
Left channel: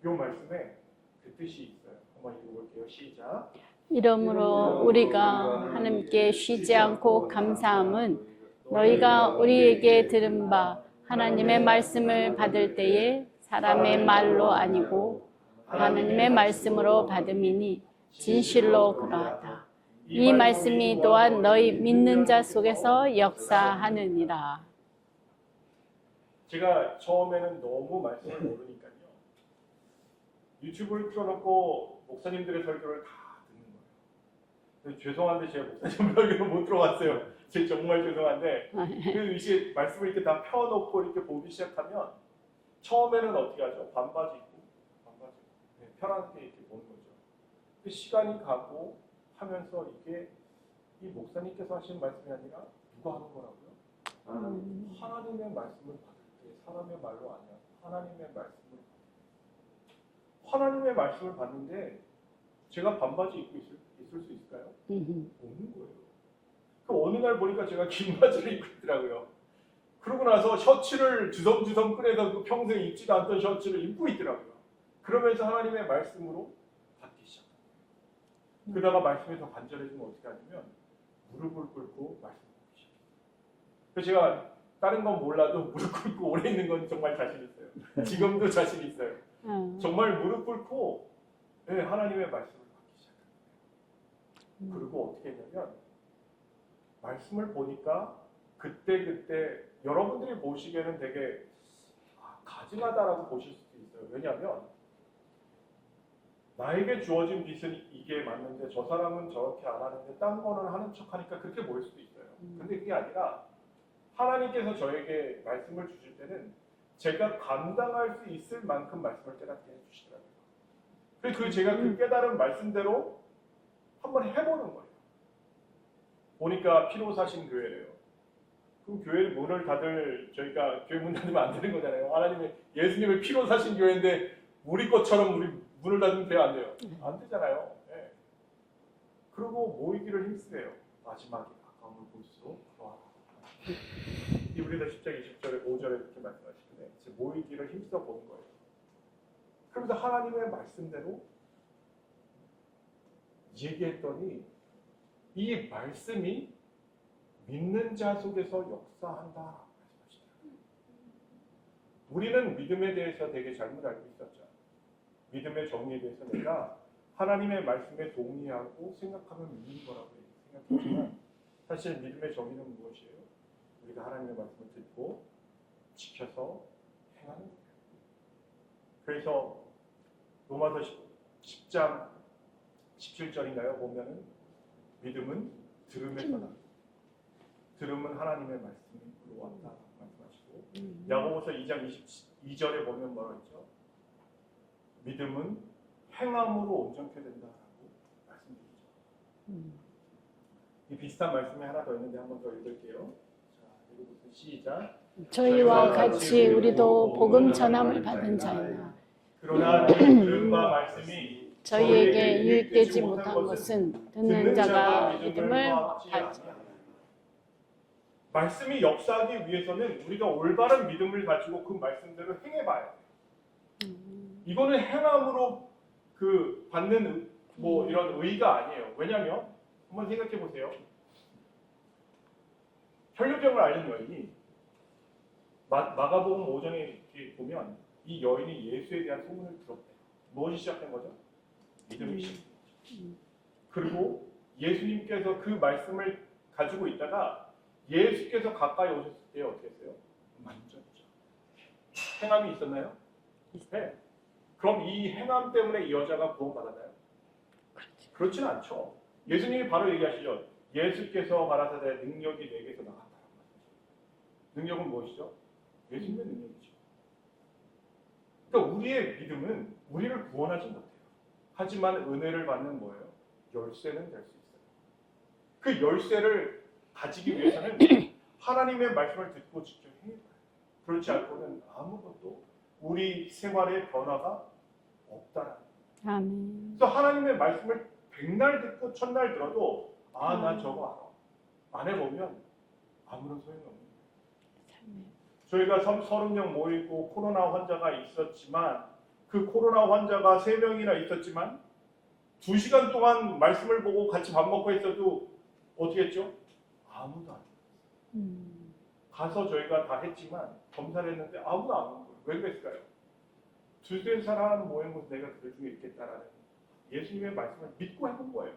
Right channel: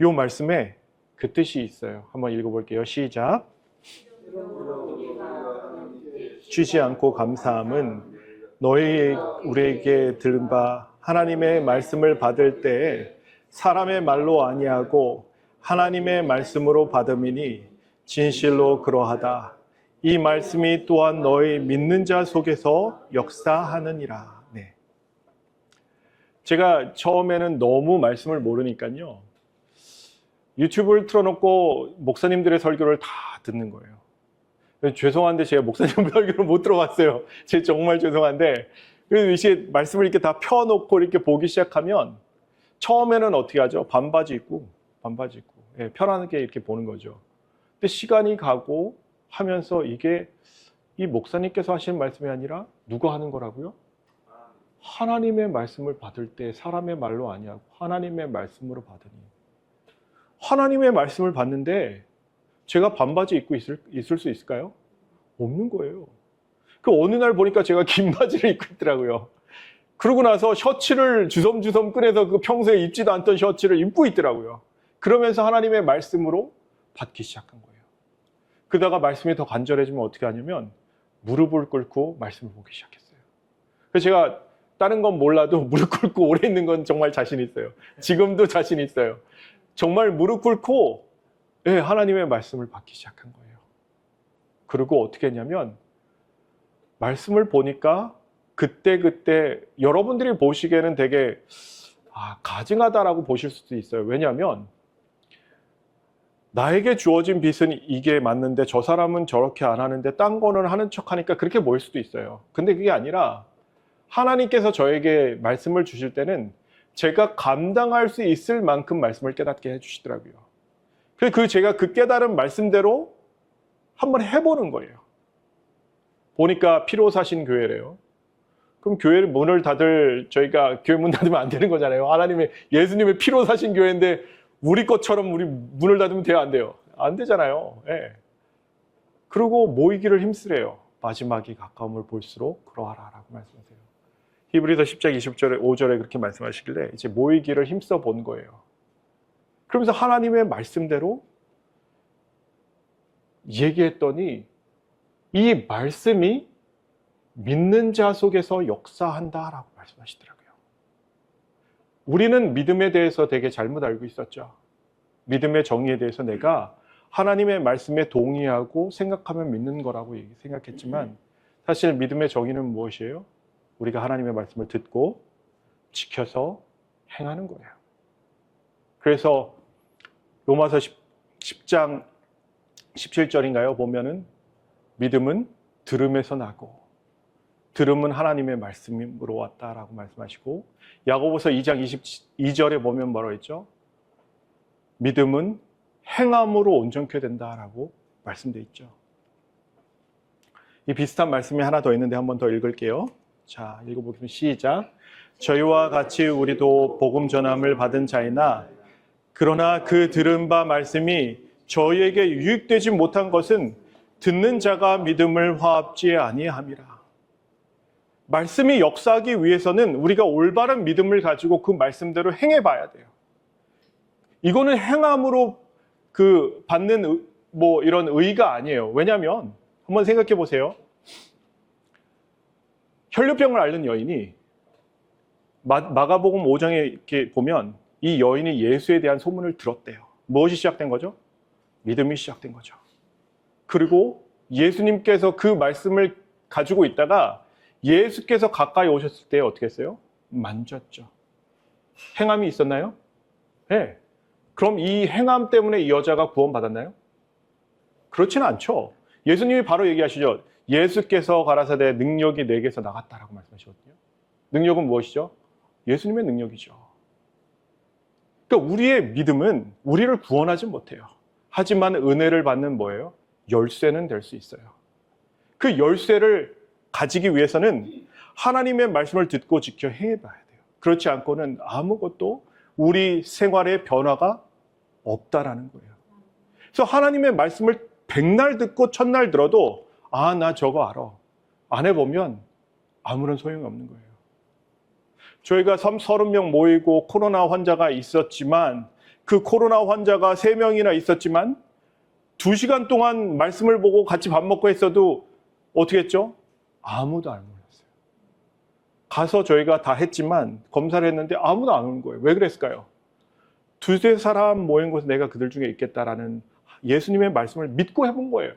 이 말씀에 그 뜻이 있어요. 한번 읽어볼게요. 시작. 이러므로 우리가 하나님께 쉬지 쉬지 않고 않고 감사함은 너희가 우리에게 들은 들은 바 하나님의 말씀을 받을 때에 사람의 말로 아니하고 하나님의 말씀으로 받음이니 진실로 그러하다. 이 말씀이 또한 너희 믿는 자 속에서 역사하느니라. 네. 제가 처음에는 너무 말씀을 모르니까요. 유튜브를 틀어놓고 목사님들의 설교를 다 듣는 거예요. 죄송한데 제가 목사님 설교를 못 들어갔어요. 제가 정말 죄송한데 그래서 이제 말씀을 이렇게 다 펴놓고 이렇게 보기 시작하면 처음에는 어떻게 하죠? 반바지 입고 예, 편안하게 이렇게 보는 거죠. 근데 시간이 가고 하면서 이게 이 목사님께서 하시는 말씀이 아니라 누가 하는 거라고요? 하나님의 말씀을 받을 때 사람의 말로 아니야. 하나님의 말씀으로 받으니. 하나님의 말씀을 받는데 제가 반바지 입고 있을 수 있을까요? 없는 거예요. 그 어느 날 보니까 제가 긴 바지를 입고 있더라고요. 그러고 나서 셔츠를 주섬주섬 꺼내서 그 평소에 입지도 않던 셔츠를 입고 있더라고요. 그러면서 하나님의 말씀으로 받기 시작한 거예요. 그러다가 말씀이 더 간절해지면 어떻게 하냐면 무릎을 꿇고 말씀을 보기 시작했어요. 그래서 제가 다른 건 몰라도 무릎 꿇고 오래 있는 건 정말 자신 있어요. 지금도 자신 있어요. 정말 무릎 꿇고 네, 하나님의 말씀을 받기 시작한 거예요. 그리고 어떻게 했냐면 말씀을 보니까 그때 여러분들이 보시기에는 되게 가증하다라고 보실 수도 있어요. 왜냐하면 나에게 주어진 빚은 이게 맞는데 저 사람은 저렇게 안 하는데 딴 거는 하는 척하니까 그렇게 보일 수도 있어요. 근데 그게 아니라 하나님께서 저에게 말씀을 주실 때는 제가 감당할 수 있을 만큼 말씀을 깨닫게 해주시더라고요. 그래서 제가 그 깨달은 말씀대로 한번 해보는 거예요. 보니까 피로 사신 교회래요. 그럼 교회를 문을 저희가 교회 문 닫으면 안 되는 거잖아요. 예수님의 피로 사신 교회인데 우리 것처럼 우리 문을 닫으면 돼요, 안 돼요? 안 되잖아요. 예. 그리고 모이기를 힘쓰래요. 마지막이 가까움을 볼수록 그러하라라고 말씀하세요. 히브리서 10장 20절에 5절에 그렇게 말씀하시길래 이제 모이기를 힘써 본 거예요. 그러면서 하나님의 말씀대로 얘기했더니 이 말씀이 믿는 자 속에서 역사한다라고 말씀하시더라고요. 우리는 믿음에 대해서 되게 잘못 알고 있었죠. 믿음의 정의에 대해서 내가 하나님의 말씀에 동의하고 생각하면 믿는 거라고 생각했지만 사실 믿음의 정의는 무엇이에요? 우리가 하나님의 말씀을 듣고 지켜서 행하는 거예요. 그래서 로마서 10장 17절인가요? 보면은 믿음은 들음에서 나고 들음은 하나님의 말씀으로 왔다라고 말씀하시고 야고보서 2장 22절에 보면 뭐라고 했죠? 믿음은 행함으로 온전케 된다라고 말씀되어 있죠. 이 비슷한 말씀이 하나 더 있는데 한 번 더 읽을게요. 자, 읽어보겠습니다. 시작. 저희와 같이 우리도 복음 전함을 받은 자이나 그러나 그 들은 바 말씀이 저희에게 유익되지 못한 것은 듣는 자가 믿음을 화합지 아니함이라. 말씀이 역사하기 위해서는 우리가 올바른 믿음을 가지고 그 말씀대로 행해봐야 돼요. 이거는 행함으로 받는 이런 의의가 아니에요. 왜냐하면 한번 생각해 보세요. 혈류병을 앓는 여인이 마가복음 5장에 이렇게 보면 이 여인이 예수에 대한 소문을 들었대요. 무엇이 시작된 거죠? 믿음이 시작된 거죠. 그리고 예수님께서 그 말씀을 가지고 있다가 예수께서 가까이 오셨을 때 어떻게 했어요? 만졌죠. 행함이 있었나요? 네. 그럼 이 행함 때문에 이 여자가 구원받았나요? 그렇지는 않죠. 예수님이 바로 얘기하시죠. 예수께서 가라사대 능력이 내게서 나갔다라고 말씀하시거든요. 능력은 무엇이죠? 예수님의 능력이죠. 그러니까 우리의 믿음은 우리를 구원하지 못해요. 하지만 은혜를 받는 뭐예요? 열쇠는 될 수 있어요. 그 열쇠를 가지기 위해서는 하나님의 말씀을 듣고 지켜 행해봐야 돼요. 그렇지 않고는 아무것도 우리 생활의 변화가 없다라는 거예요. 아멘. 그래서 하나님의 말씀을 백날 듣고 첫날 들어도 아, 나 저거 알아. 안 해보면 아무런 소용이 없는 거예요. 저희가 30명 모이고 코로나 환자가 있었지만 그 코로나 환자가 3명이나 있었지만 2시간 동안 말씀을 보고 같이 밥 먹고 했어도 어떻게 했죠? 아무도 안 몰랐어요. 가서 저희가 다 했지만 검사를 했는데 아무도 안 오는 거예요. 왜 그랬을까요? 2-3 사람 모인 곳에 내가 그들 중에 있겠다라는 예수님의 말씀을 믿고 해본 거예요.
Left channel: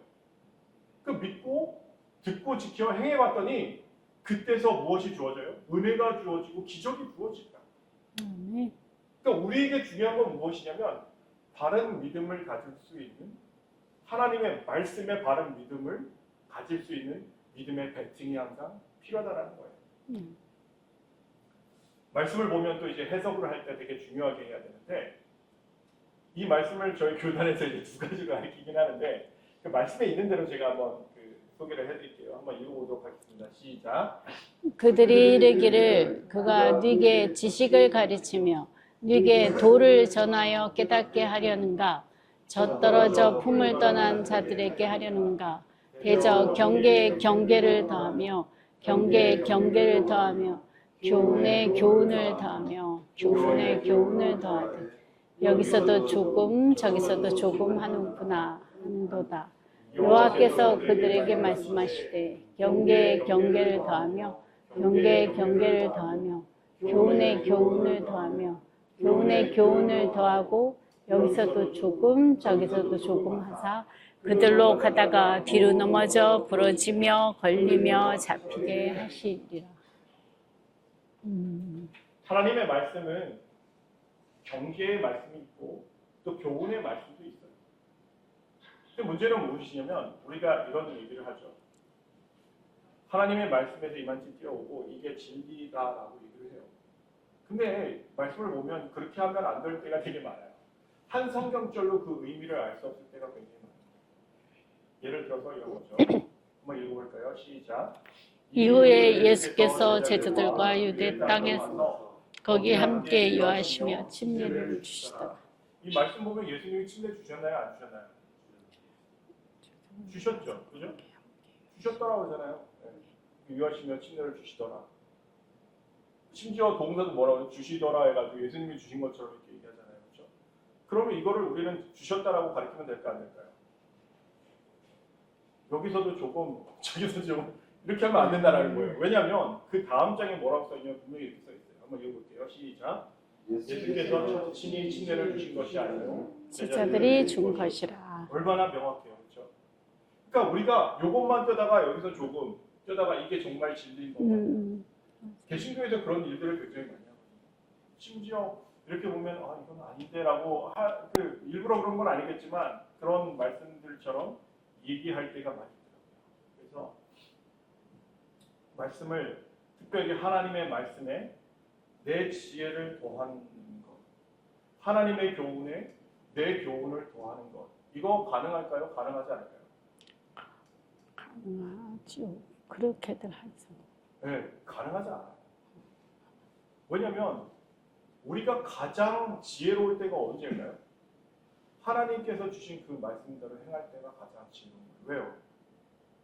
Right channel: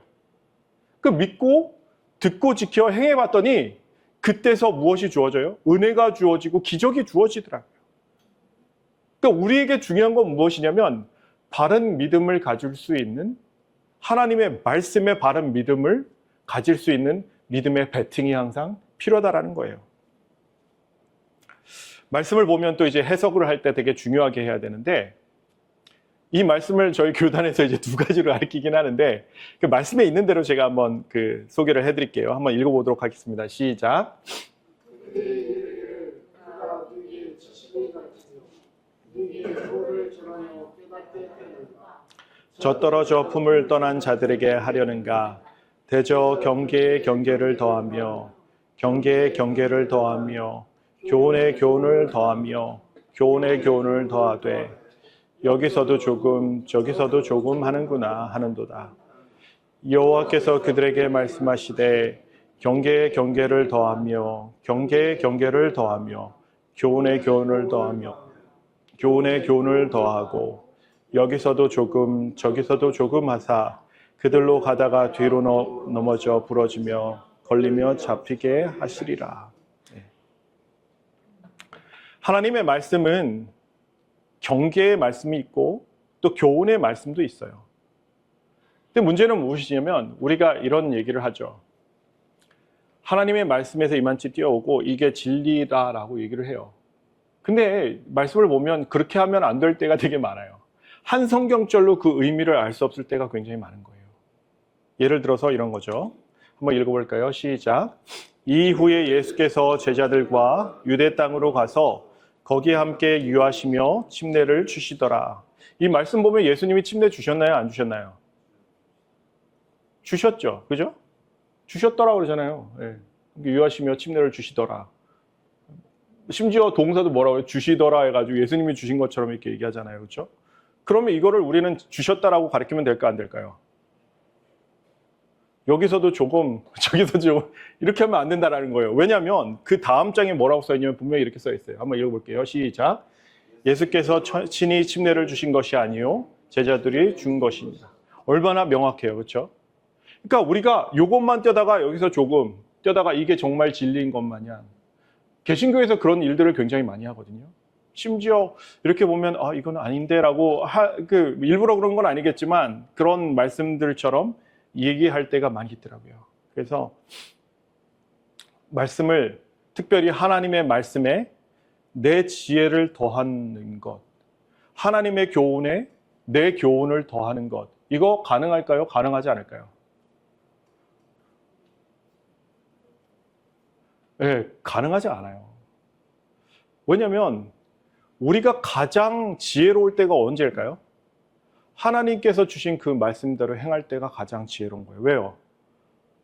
그 믿고 듣고 지켜 행해봤더니 그때서 무엇이 주어져요? 은혜가 주어지고 기적이 주어지더라고요. 그러니까 우리에게 중요한 건 무엇이냐면 바른 믿음을 가질 수 있는 하나님의 말씀에 바른 믿음을 가질 수 있는 믿음의 베팅이 항상 필요하다라는 거예요. 말씀을 보면 또 이제 해석을 할 때 되게 중요하게 해야 되는데 이 말씀을 저희 교단에서 이제 2가지로 가르치긴 하는데 그 말씀에 있는 대로 제가 한번 그 소개를 해드릴게요. 한번 읽어보도록 하겠습니다. 시작. 그들이 이르기를 그가 네게 지식을 가르치며 네게 도를 전하여 깨닫게 하려는가 젖떨어져 품을 떠난 자들에게 하려는가 대저 경계에 경계를 더하며 경계에 경계를 더하며 교훈에 교훈을 더하며 교훈에 교훈을 더하되 여기서도 조금 저기서도 조금 하는구나 하는도다. 여호와께서 그들에게 말씀하시되 경계에 경계를 더하며 경계에 경계를 더하며 교훈에 교훈을 더하며 교훈에 교훈을 더하고 여기서도 조금 저기서도 조금 하사 그들로 가다가 뒤로 넘어져 부러지며 걸리며 잡히게 하시리라. 하나님의 말씀은 경계의 말씀이 있고 또 교훈의 말씀도 있어요. 근데 문제는 무엇이냐면 우리가 이런 얘기를 하죠. 하나님의 말씀에서 이만치 뛰어오고 이게 진리다라고 얘기를 해요. 근데 말씀을 보면 그렇게 하면 안 될 때가 되게 많아요. 한 성경절로 그 의미를 알 수 없을 때가 굉장히 많은 거예요. 예를 들어서 이런 거죠. 한번 읽어볼까요? 시작. 이후에 예수께서 제자들과 유대 땅으로 가서 거기에 함께 유하시며 침례를 주시더라. 이 말씀 보면 예수님이 침례 주셨나요? 안 주셨나요? 주셨죠. 그죠? 주셨더라고 그러잖아요. 예. 유하시며 침례를 주시더라. 심지어 동사도 뭐라고 해요? 주시더라 해가지고 예수님이 주신 것처럼 이렇게 얘기하잖아요. 그렇죠? 그러면 이거를 우리는 주셨다라고 가르치면 될까 안 될까요? 여기서도 조금 저기서 좀 이렇게 하면 안 된다는 거예요. 왜냐하면 그 다음 장에 뭐라고 써있냐면 분명히 이렇게 써있어요. 한번 읽어볼게요. 시작. 예수께서 친히 침례를 주신 것이 아니요 제자들이 준 것이라. 얼마나 명확해요. 그렇죠? 그러니까 우리가 이것만 떼다가 여기서 조금 떼다가 이게 정말 진리인 것 마냥 개신교에서 그런 일들을 굉장히 많이 하거든요. 심지어 이렇게 보면 아 이건 아닌데라고 일부러 그런 건 아니겠지만 그런 말씀들처럼 얘기할 때가 많이 있더라고요. 그래서 말씀을 특별히 하나님의 말씀에 내 지혜를 더하는 것, 하나님의 교훈에 내 교훈을 더하는 것, 이거 가능할까요? 가능하지 않을까요? 가능하죠. 그렇게들 하죠. 네, 가능하지 않아요. 왜냐하면 우리가 가장 지혜로울 때가 언제일까요? 하나님께서 주신 그 말씀대로 행할 때가 가장 지혜로운 거예요. 왜요?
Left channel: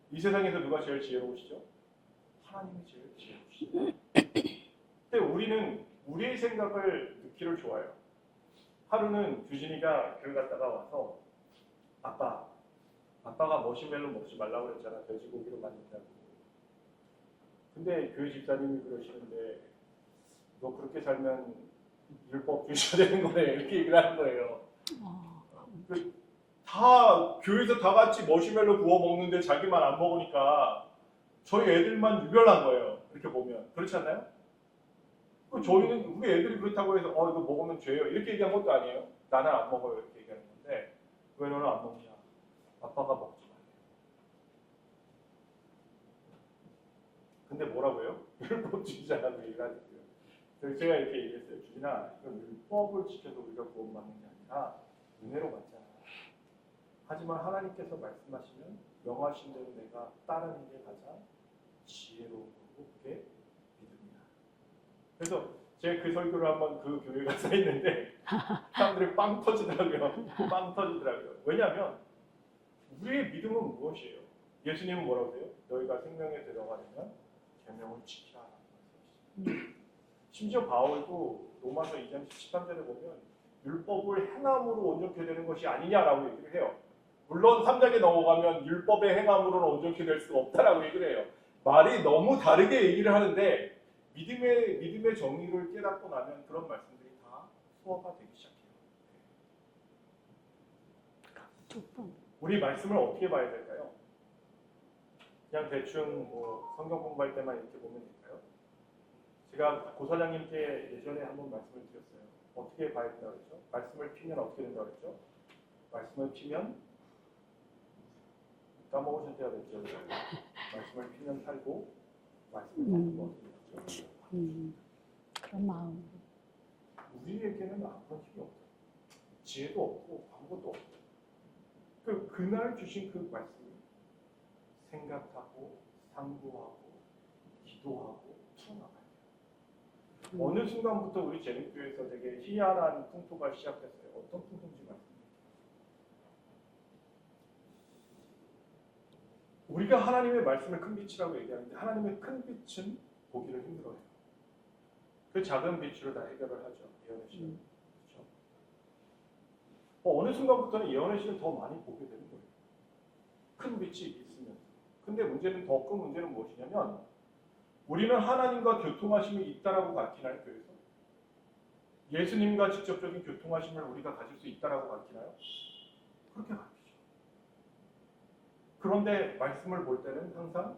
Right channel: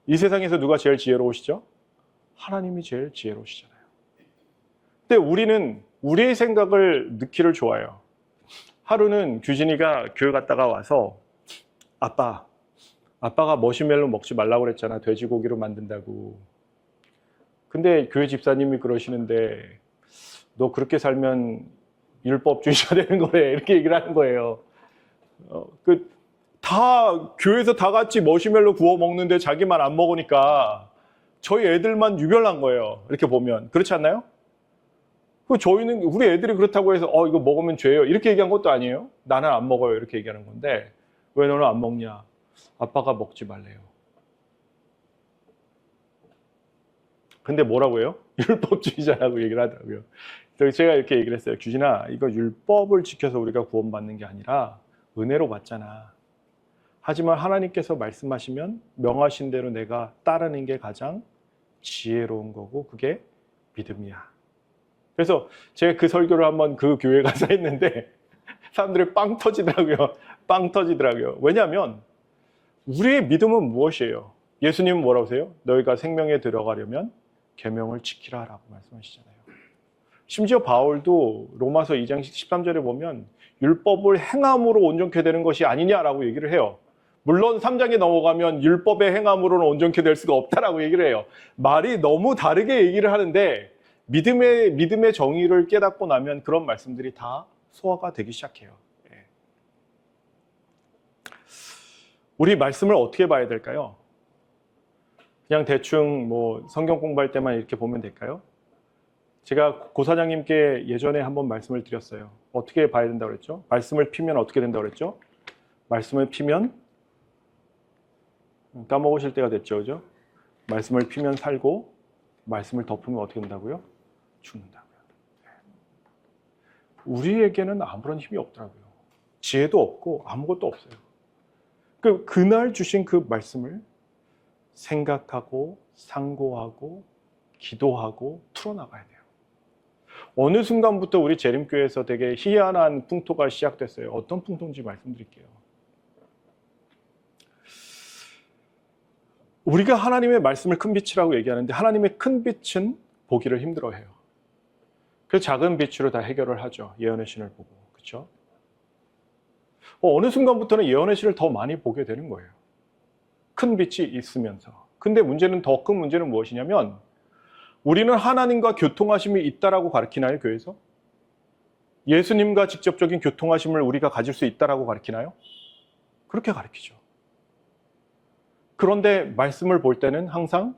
이 세상에서 누가 제일 지혜로우시죠? 하나님이 제일 지혜로우시죠. 근데 우리는 우리의 생각을 넣기를 좋아해요. 하루는 규진이가 교회 갔다가 와서 아빠가 머시멜로 먹지 말라고 그랬잖아. 돼지고기로 만든다고. 근데 교회 집사님이 그러시는데 너 그렇게 살면 율법주의자 되는 거래. 이렇게 얘기를 하는 거예요. 다 교회에서 다 같이 머시멜로 구워 먹는데 자기만 안 먹으니까 저희 애들만 유별난 거예요. 이렇게 보면 그렇지 않나요? 저희는 우리 애들이 그렇다고 해서 이거 먹으면 죄예요. 이렇게 얘기한 것도 아니에요. 나는 안 먹어요. 이렇게 얘기하는 건데 왜 너는 안 먹냐? 아빠가 먹지 말래요. 근데 뭐라고 해요? 율법주의자라고 얘기를 하더라고요. 그래서 제가 이렇게 얘기를 했어요. 규진아, 이거 율법을 지켜서 우리가 구원받는 게 아니라 은혜로 받잖아. 하지만 하나님께서 말씀하시면 명하신 대로 내가 따르는 게 가장 지혜로운 거고 그게 믿음이야. 그래서 제가 그 설교를 한번 그 교회 가서 했는데 사람들이 빵 터지더라고요. 빵 터지더라고요. 왜냐하면 우리의 믿음은 무엇이에요? 예수님은 뭐라고 하세요? 너희가 생명에 들어가려면 계명을 지키라라고 말씀하시잖아요. 심지어 바울도 로마서 2장 13절에 보면 율법을 행함으로 온전케 되는 것이 아니냐라고 얘기를 해요. 물론 3장에 넘어가면 율법의 행함으로는 온전케 될 수가 없다라고 얘기를 해요. 말이 너무 다르게 얘기를 하는데 믿음의 정의를 깨닫고 나면 그런 말씀들이 다 소화가 되기 시작해요. 우리 말씀을 어떻게 봐야 될까요? 그냥 대충 뭐 성경 공부할 때만 이렇게 보면 될까요? 제가 고사장님께 예전에 한번 말씀을 드렸어요. 어떻게 봐야 된다고 그랬죠? 말씀을 피면 어떻게 된다고 그랬죠? 말씀을 피면 까먹으실 때가 됐죠, 그죠? 말씀을 피면 살고 말씀을 덮으면 어떻게 된다고요? 죽는다고요. 그런 마음. 우리에게는 아무런 힘이 없더라고요. 지혜도 없고 아무것도 없어요. 그날 주신 그 말씀을 생각하고 상고하고 기도하고 풀어나가야 돼요. 어느 순간부터 우리 재림교회에서 되게 희한한 풍토가 시작됐어요. 어떤 풍토인지 말씀드릴게요. 우리가 하나님의 말씀을 큰 빛이라고 얘기하는데 하나님의 큰 빛은 보기를 힘들어해요. 그래서 작은 빛으로 다 해결을 하죠. 예언의 신을 보고. 그렇죠? 어느 순간부터는 예언의 신을 더 많이 보게 되는 거예요. 큰 빛이 있으면서. 근데 문제는 더 큰 문제는 무엇이냐면 우리는 하나님과 교통하심이 있다라고 가르치나요, 교회에서? 예수님과 직접적인 교통하심을 우리가 가질 수 있다라고 가르치나요? 그렇게 가르치죠. 그런데 말씀을 볼 때는 항상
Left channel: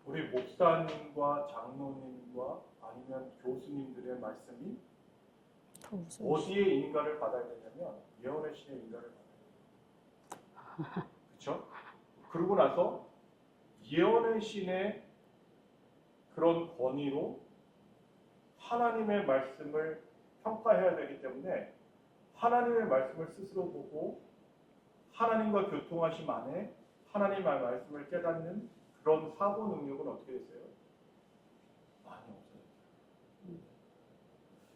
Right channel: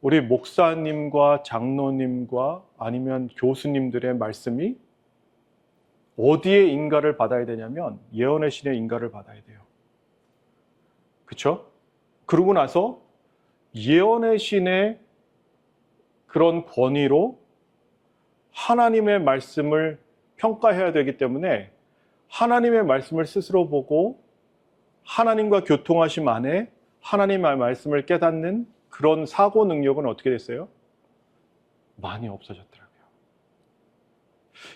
우리 목사님과 장로님과 아니면 교수님들의 말씀이 어디에 인가를 받아야 되냐면 예언의 신의 인가를 받아야 돼요. 그렇죠? 그러고 나서 예언의 신의 그런 권위로 하나님의 말씀을 평가해야 되기 때문에 하나님의 말씀을 스스로 보고 하나님과 교통하심 안에 하나님의 말씀을 깨닫는 그런 사고 능력은 어떻게 됐어요? 많이 없어졌더라고요.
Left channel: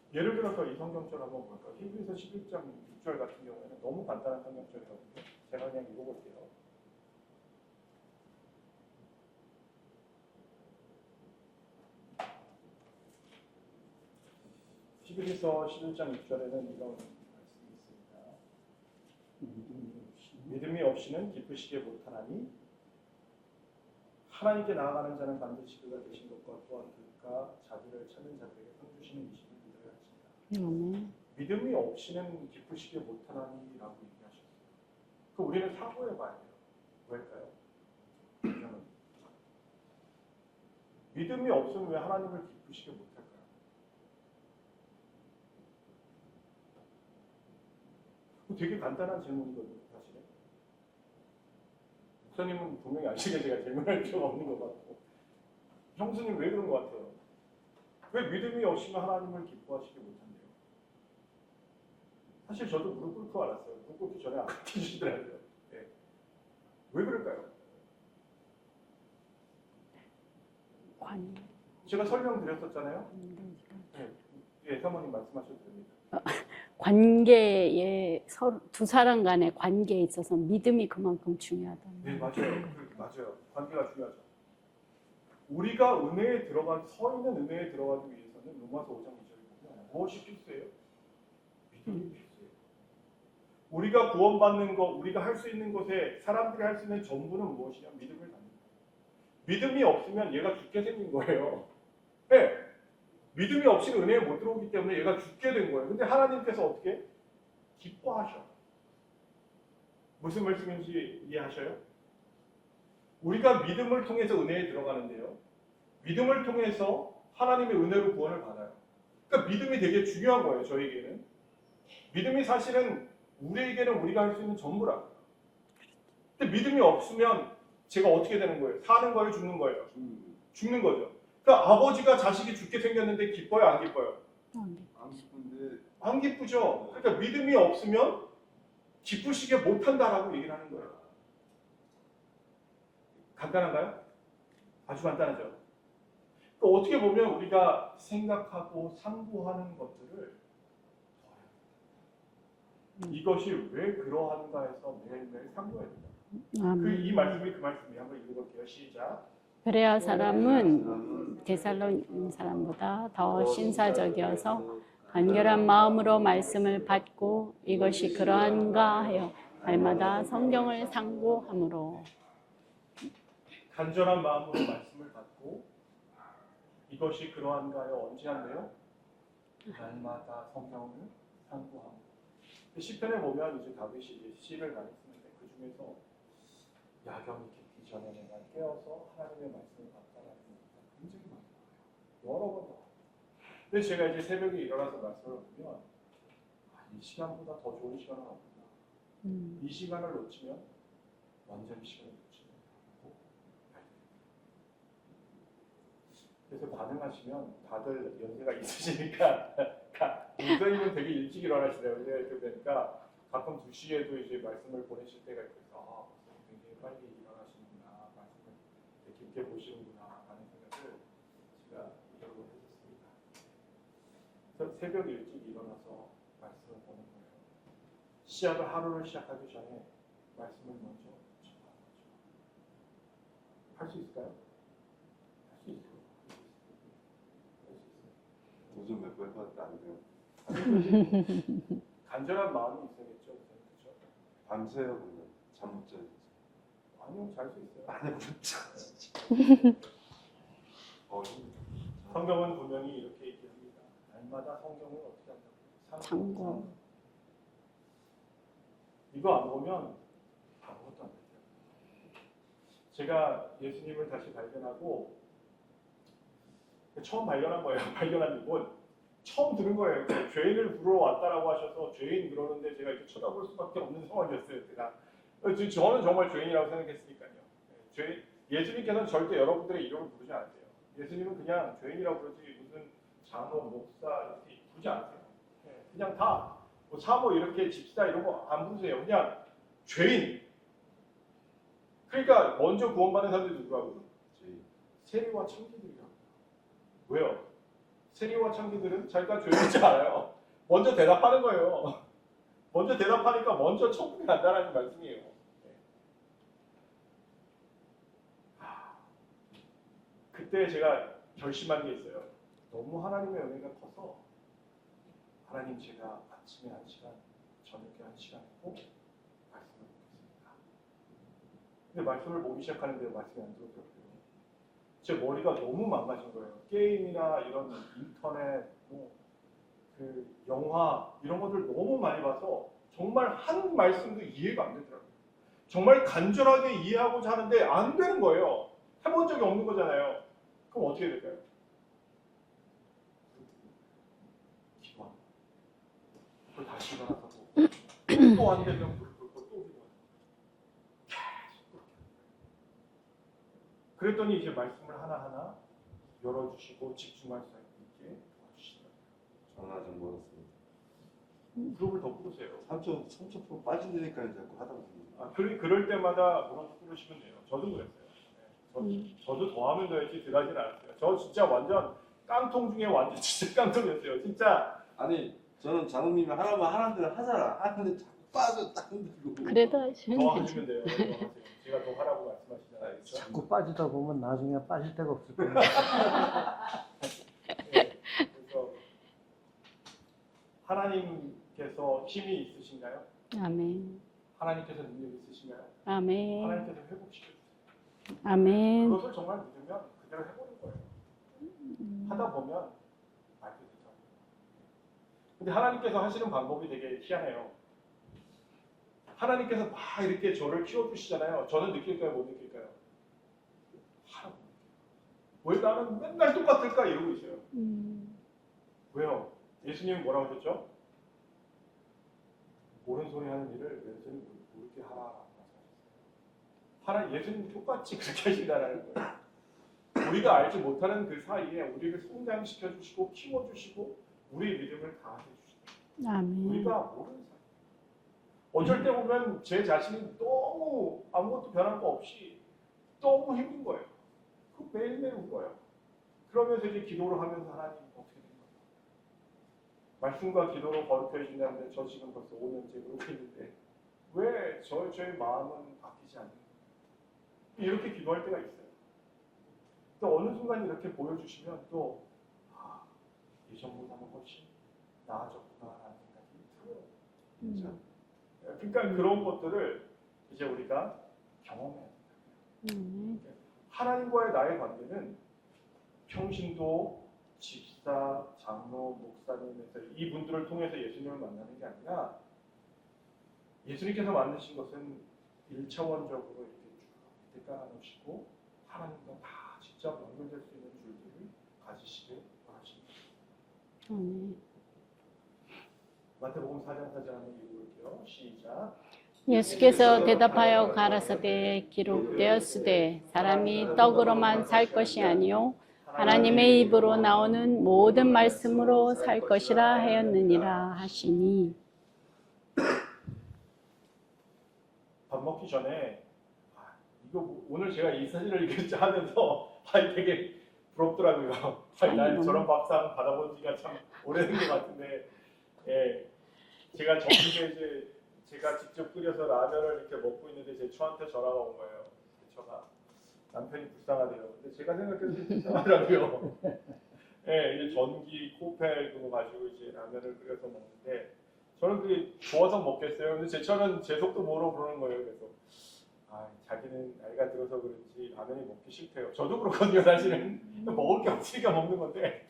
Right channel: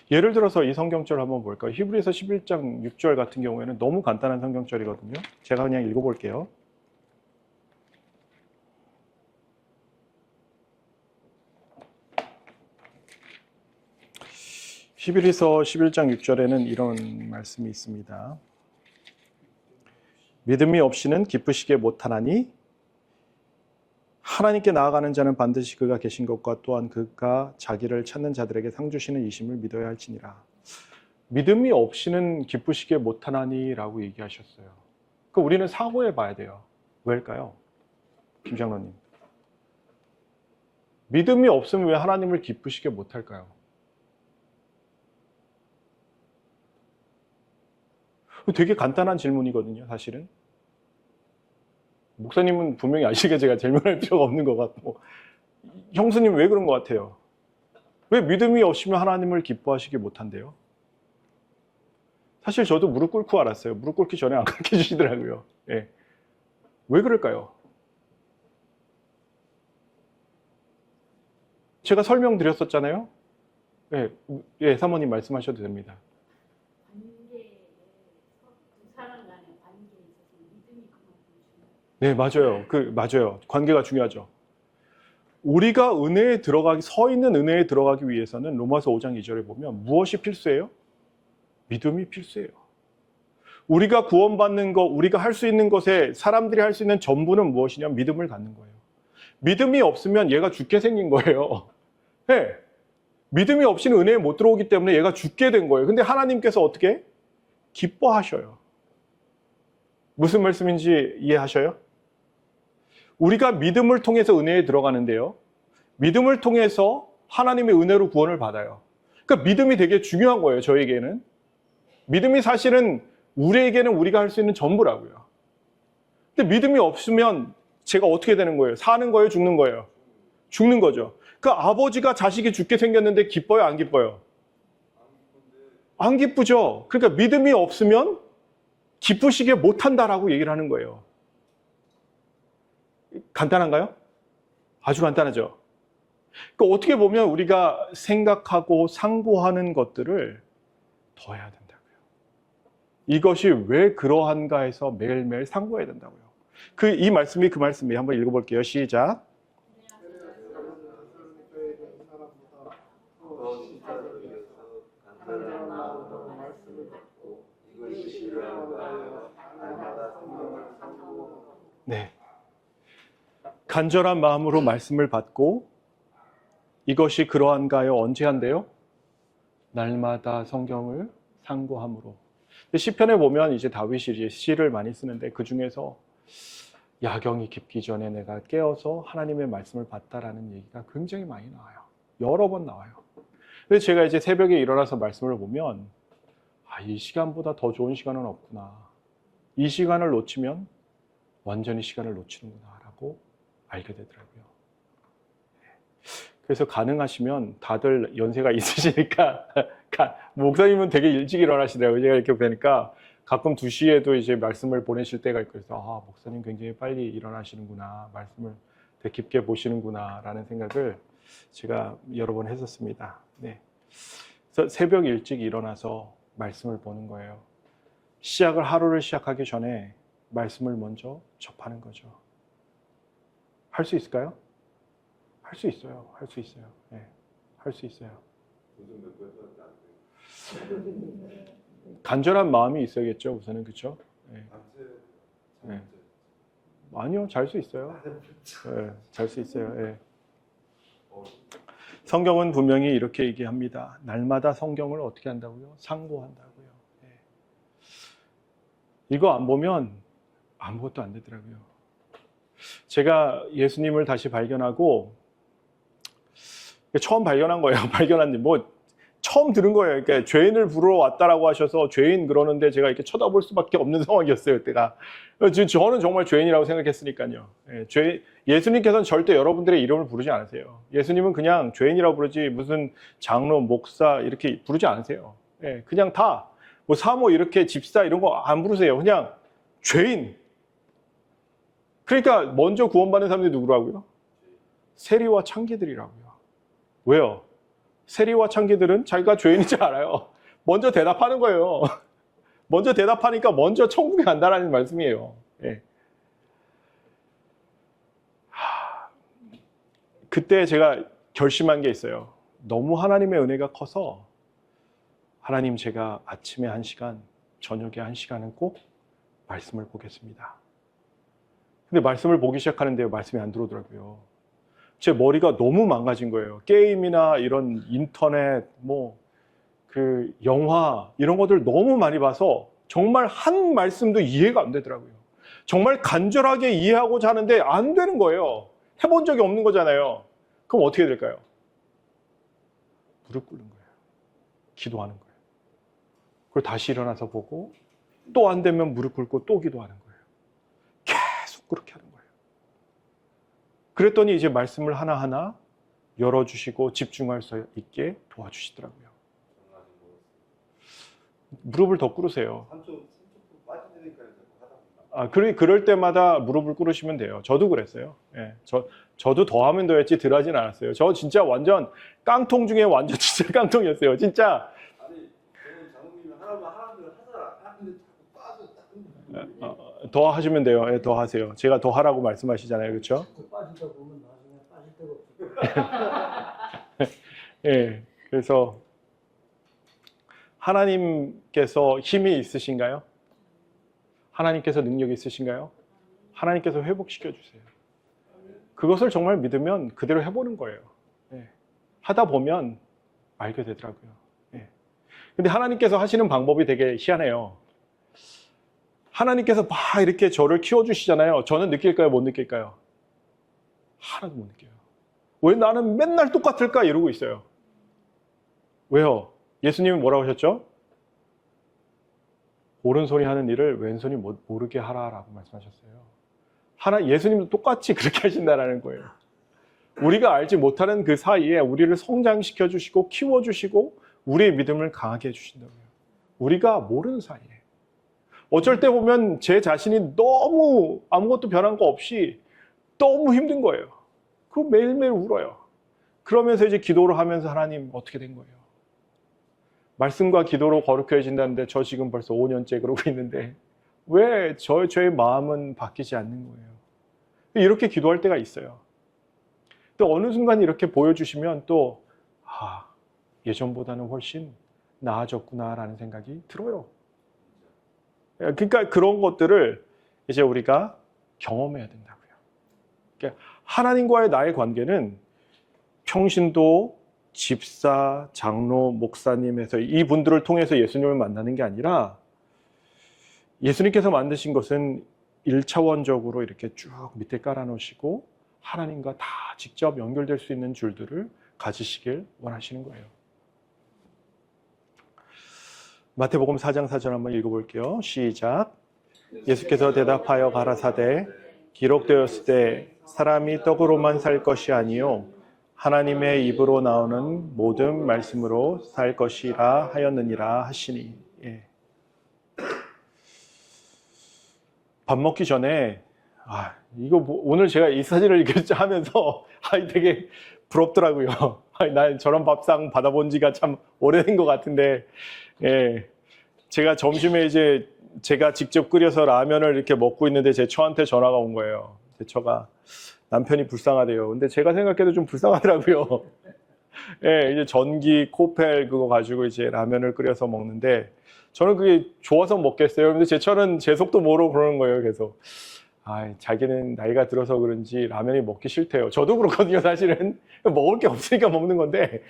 예를 들어서 이 성경절 한번 볼까요? 히브리서 11장 6절 같은 경우에는 너무 간단한 성경절이거든요. 제가 그냥 읽어볼게요. 히브리서 11장 6절에는 이런 말씀이 있습니다. 믿음이 없이는 기쁘시게 못하나니 하나님께 나아가는 자는 반드시 그가 계신 것과 또한 그가 자기를 찾는 자들에게 상 주시는 이심을 믿어야 할지니라. 믿음이 없이는 기쁘시게 못하나니 라고 얘기하셨어요. 우리는 사고해 봐야 돼요. 왜일까요? 김 장로님. 믿음이 없으면 왜 하나님을 기쁘시게 못할까요? 되게 간단한 질문이거든요, 사실은. 목사님은 분명히 아시게 제가 질문할 필요가 없는 것 같고, 형수님 왜 그런 것 같아요? 왜 믿음이 없으면 하나님을 기뻐하시게 못한대요? 사실 저도 무릎 꿇고 알았어요. 무릎 꿇기 전에 안 가르쳐 주시더라고요. 예. 왜 그럴까요? 제가 설명드렸었잖아요. 예, 사모님 말씀하셔도 됩니다. 관계에 두 사람 간의 관계에 있어서 믿음이 그만큼 중요하다. 네, 맞아요. 맞아요. 관계가 중요하죠. 우리가 은혜에 들어가기, 서 있는 은혜에 들어가기 위해서는 로마서 5장 2절에 보면 무엇이 필수예요? 믿음이 필수예요. 우리가 구원받는 것, 우리가 할 수 있는 것에 사람들이 할 수 있는 전부는 무엇이냐면 믿음을 갖는 거예요. 믿음이 없으면 얘가 죽게 생긴 거예요. 네. 믿음이 없이는 은혜에 못 들어오기 때문에 얘가 죽게 된 거예요. 근데 하나님께서 어떻게? 기뻐하셔요. 무슨 말씀인지 이해하셔요? 우리가 믿음을 통해서 은혜에 들어가는데요. 믿음을 통해서 하나님의 은혜로 구원을 받아요. 그러니까 믿음이 되게 중요한 거예요, 저에게는. 믿음이 사실은 우리에게는 우리가 할 수 있는 전부라고요. 근데 믿음이 없으면 제가 어떻게 되는 거예요? 사는 거예요? 죽는 거예요? 죽는 거죠. 그 아버지가 자식이 죽게 생겼는데 기뻐요? 안 기뻐요? 안 기쁘죠. 그러니까 믿음이 없으면 기쁘시게 못한다라고 얘기를 하는 거예요. 간단한가요? 아주 간단하죠. 그러니까 어떻게 보면 우리가 생각하고 상고하는 것들을 더 해야 된다고요. 이것이 왜 그러한가 해서 매일매일 상고해야 된다고요. 아멘. 이 말씀이 그 말씀이에요. 한번 읽어볼게요. 시작. 그래야 사람은 데살로니 사람보다 더 신사적이어서 간결한 마음으로 말씀을 받고 이것이 그러한가 하여 날마다 성경을 상고함으로. 네. 간절한 마음으로 말씀을 받고 이것이 그러한가요? 언제 한대요? 날마다 성경을 상고함으로. 시편에 보면 이제 다윗이 이제 시를 많이 쓰는데 그 중에서 야경이 깊기 전에 내가 깨어서 하나님의 말씀을 봤다라는 얘기가 굉장히 많이 나와요. 여러 번 나와요. 그래서 제가 이제 새벽에 일어나서 말씀을 보면 이 시간보다 더 좋은 시간은 없구나. 이 시간을 놓치면 완전히 시간을 놓치는구나라고 알게 되더라고요. 그래서 가능하시면 다들 연세가 있으시니까 목사님은 되게 일찍 일어나시더라고요. 제가 이렇게 보니까 가끔 2시에도 이제 말씀을 보내실 때가 있고 그래서 목사님 굉장히 빨리 일어나시는구나. 말씀을 되게 깊게 보시는구나 라는 생각을 제가 여러 번 했었습니다. 네. 그래서 새벽 일찍 일어나서 말씀을 보는 거예요. 하루를 시작하기 전에 말씀을 먼저 접하는 거죠. 할 수 있을까요? 할 수 있어요. 할 수 있어요. 네. 할 수 있어요. 요즘 몇 번도 안 돼요. 간절한 마음이 있어야겠죠. 우선은 그렇죠. 네. 밤새요. 잠못 자요. 아니요, 잘 수 있어요. 못 자. 네, 잘 수 있어요. 네. 성경은 분명히 이렇게 얘기합니다. 날마다 성경을 어떻게 한다고요? 상고한다고요. 네. 이거 안 보면 아무것도 안 되더라고요. 제가 예수님을 다시 발견하고 처음 발견한 거예요. 발견한 뭐 처음 들은 거예요. 그러니까 죄인을 부르러 왔다라고 하셔서 죄인 그러는데 제가 이렇게 쳐다볼 수밖에 없는 상황이었어요. 그때가. 저는 정말 죄인이라고 생각했으니까요. 예수님께서는 절대 여러분들의 이름을 부르지 않으세요. 예수님은 그냥 죄인이라고 부르지 무슨 장로, 목사 이렇게 부르지 않으세요. 그냥 다 뭐 사모 이렇게 집사 이런 거 안 부르세요. 그냥 죄인. 그러니까 먼저 구원받는 사람들이 누구라고요? 세리와 창기들이라고요. 왜요? 세리와 창기들은 자기가 죄인이지 않아요. 먼저 대답하는 거예요. 먼저 대답하니까 먼저 천국에 간다라는 말씀이에요. 예. 그때 제가 결심한 게 있어요. 너무 하나님의 은혜가 커서 하나님 제가 아침에 1시간, 저녁에 1시간은 꼭 말씀을 보겠습니다. 근데 말씀을 보기 시작하는데 말씀이 안 들어오더라고요. 제 머리가 너무 망가진 거예요. 게임이나 이런 인터넷, 그 영화 이런 것들 너무 많이 봐서 정말 한 말씀도 이해가 안 되더라고요. 정말 간절하게 이해하고자 하는데 안 되는 거예요. 해본 적이 없는 거잖아요. 그럼 어떻게 될까요? 무릎 꿇는 거예요. 기도하는 거예요. 그리고 다시 일어나서 보고 또 안 되면 무릎 꿇고 또 기도하는 거예요. 계속 그렇게 하는 거예요. 그랬더니 이제 말씀을 하나하나 열어주시고 집중할 수 있게 도와주시더라고요. 전화 좀 멀었어요. 무릎을 더 꿇으세요. 3초 빠지니까 자꾸 하다 보면. 그럴 때마다 무릎을 꿇으시면 돼요. 저도 그랬어요. 예, 저도 더 하면 더 했지 덜 하진 않았어요. 저 진짜 완전 깡통 중에 완전 진짜 깡통이었어요. 진짜. 아니 저는 장로님이 하라는 대로 하잖아. 하는데 자꾸 빠져. 그래도 더 하시면 돼요. 예, 더 하세요. 제가 더 하라고 말씀하시잖아요. 그렇죠? 자꾸 빠지다 보면 나중에 빠질 데가 없을 거예요. 예, 그래서 하나님께서 힘이 있으신가요? 아멘. 하나님께서 능력이 있으신가요? 아멘. 하나님께서 회복시켜 주세요. 아멘. 그것을 정말 믿으면 그대로 해보는 거예요. 예. 하다 보면 알게 되더라고요. 예. 근데 하나님께서 하시는 방법이 되게 희한해요. 하나님께서 막 이렇게 저를 키워주시잖아요. 저는 느낄까요? 못 느낄까요? 하나도 못 느껴요. 왜 나는 맨날 똑같을까? 이러고 있어요. 왜요? 예수님은 뭐라고 하셨죠? 오른손이 하는 일을 왼손이 모르게 하라라고 말씀하셨어요. 예수님도 똑같이 그렇게 하신다는 거예요. 우리가 알지 못하는 그 사이에 우리를 성장시켜 주시고 키워 주시고 우리의 믿음을 강하게 해주신다고요. 아멘. 우리가 모르는 사이에. 어쩔 때 보면 제 자신이 너무 아무것도 변한 거 없이 너무 힘든 거예요. 그럼 매일매일 울어요. 그러면서 이제 기도를 하면서 하나님 어떻게 된 거예요? 말씀과 기도로 거룩해진다는데 저 지금 벌써 5년째 그러고 있는데 왜 저의 마음은 바뀌지 않는 거예요? 이렇게 기도할 때가 있어요. 또 어느 순간 이렇게 보여주시면 또 예전보다는 훨씬 나아졌구나라는 생각이 들어요. 그러니까 그런 것들을 이제 우리가 경험해야 된다고요. 그러니까 하나님과의 나의 관계는 평신도, 집사, 장로, 목사님에서 이분들을 통해서 예수님을 만나는 게 아니라 예수님께서 만드신 것은 1차원적으로 이렇게 쭉 밑에 깔아놓으시고 하나님과 다 직접 연결될 수 있는 줄들을 가지시길 원하시는 거예요. 마태복음 4장 4절 한번 읽어볼게요. 시작. 예수께서 대답하여 가라사대 기록되었을 때 사람이 떡으로만 살 것이 아니요 하나님의 입으로 나오는 모든 말씀으로 살 것이라 하였느니라 하시니. 예. 밥 먹기 전에 이거 오늘 제가 이 사진을 이렇게 하면서 되게 부럽더라고요. 난 저런 밥상 받아본 지가 참 오래된 것 같은데, 예. 제가 점심에 이제 제가 직접 끓여서 라면을 이렇게 먹고 있는데 제 처한테 전화가 온 거예요. 제 처가 남편이 불쌍하대요. 근데 제가 생각해도 좀 불쌍하더라고요. 예, 이제 전기 코펠 그거 가지고 이제 라면을 끓여서 먹는데 저는 그게 좋아서 먹겠어요. 근데 제 처는 제 속도 모르고 그러는 거예요, 계속. 자기는 나이가 들어서 그런지 라면이 먹기 싫대요. 저도 그렇거든요, 사실은. 먹을 게 없으니까 먹는 건데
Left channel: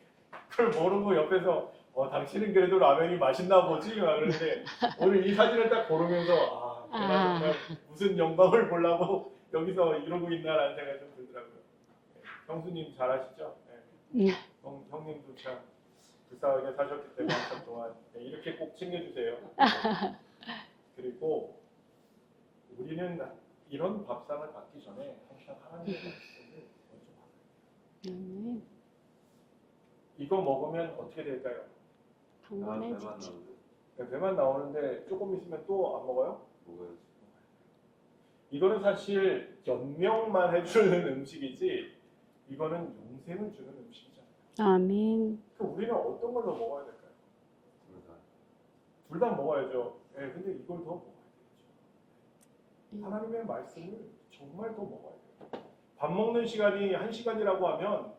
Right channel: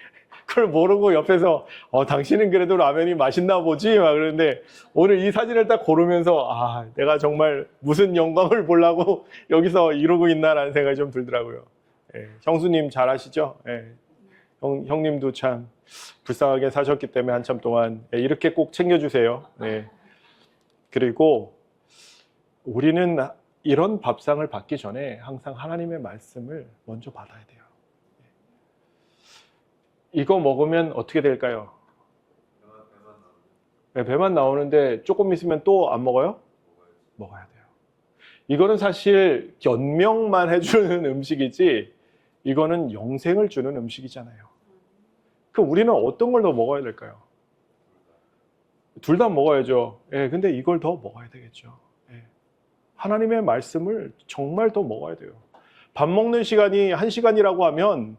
그걸 모르고 옆에서 당신은 그래도 라면이 맛있나 보지? 막 그러는데 오늘 이 사진을 딱 고르면서 내가 정말 무슨 영광을 보려고 여기서 이러고 있나라는 생각이 좀 들더라고요. 예, 형수님 잘 아시죠? 예. 형님도 참 불쌍하게 사셨기 때문에 한참 동안 이렇게 꼭 챙겨주세요. 예. 그리고 우리는 이런 밥상을 받기 전에 항상 하나님의 말씀을 먼저 받아야 돼요. 이거 먹으면 어떻게 될까요? 배만 나오는데 조금 있으면 또 안 먹어요? 먹어야 돼요. 이거는 사실 연명만 해주는 음식이지 이거는 영생을 주는 음식이잖아요. 아멘. 그럼 우리는 어떤 걸 더 먹어야 될까요? 둘 다 먹어야죠. 예, 근데 이걸 더 먹어야 되겠죠. 예. 하나님의 말씀을 정말 더 먹어야 돼요. 밥 먹는 시간이 1시간이라고 하면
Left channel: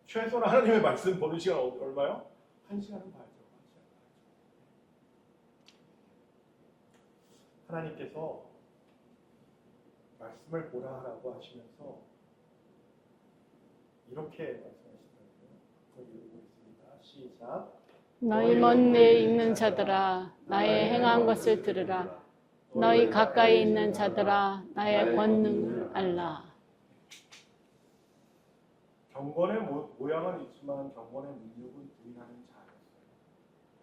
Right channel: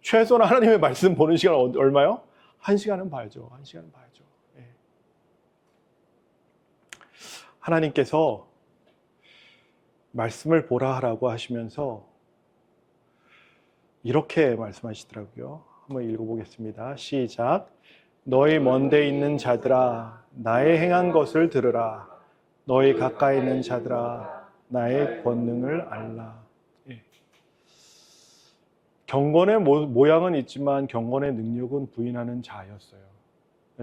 최소한 하나님의 말씀 보는 시간 얼마요? 1시간은 봐야죠. 1시간은 봐야죠. 예. 하나님께서 말씀을 보라 하라고 하시면서 이렇게 말씀하시더라고요. 한번 읽어보겠습니다. 시작. 너희 먼데 있는 자들아 나의 행한 것을 들으라. 너희 가까이 있는 자들아 나의 권능을 알라. 예. 경건의 모양은 있지만 경건의 능력은 부인하는 자였어요.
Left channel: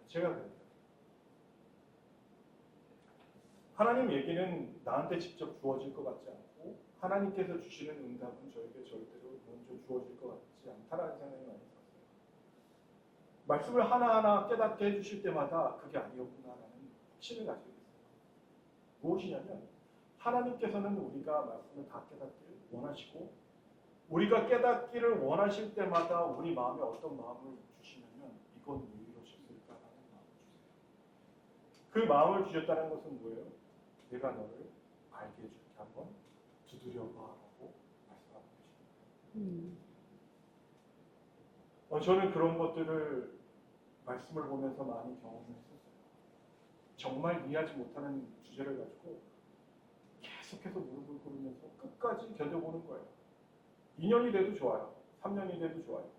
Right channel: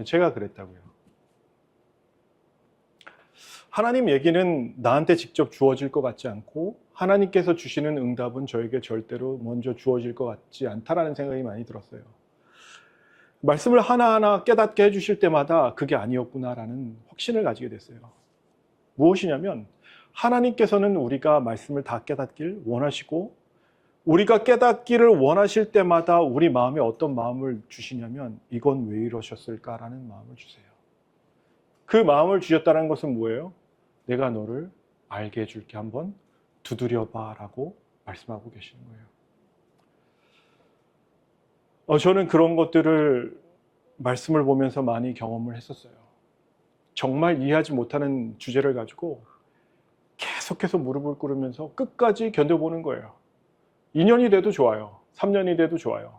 제가 그랬다고요. 하나님 얘기는 나한테 직접 주어질 것 같지 않고 하나님께서 주시는 응답은 저에게 절대로 먼저 주어질 것 같지 않다라는 생각이 많이 들었어요. 말씀을 하나하나 깨닫게 해주실 때마다 그게 아니었구나라는 확신을 가지게 됐어요. 무엇이냐면 하나님께서는 우리가 말씀을 다 깨닫길 원하시고 우리가 깨닫기를 원하실 때마다 우리 마음에 어떤 마음을 주시냐면 이건 왜 이러셨을까라는 마음을 주세요. 그 마음을 주셨다는 것은 뭐예요? 내가 너를 알게 해줄게, 한번 두드려봐 라고 말씀하고 계시는 거예요. 저는 그런 것들을 말씀을 보면서 많이 경험을 했었어요. 정말 이해하지 못하는 주제를 가지고 계속해서 무릎을 꿇으면서 끝까지 견뎌보는 거예요. 2년이 돼도 좋아요. 3년이 돼도 좋아요.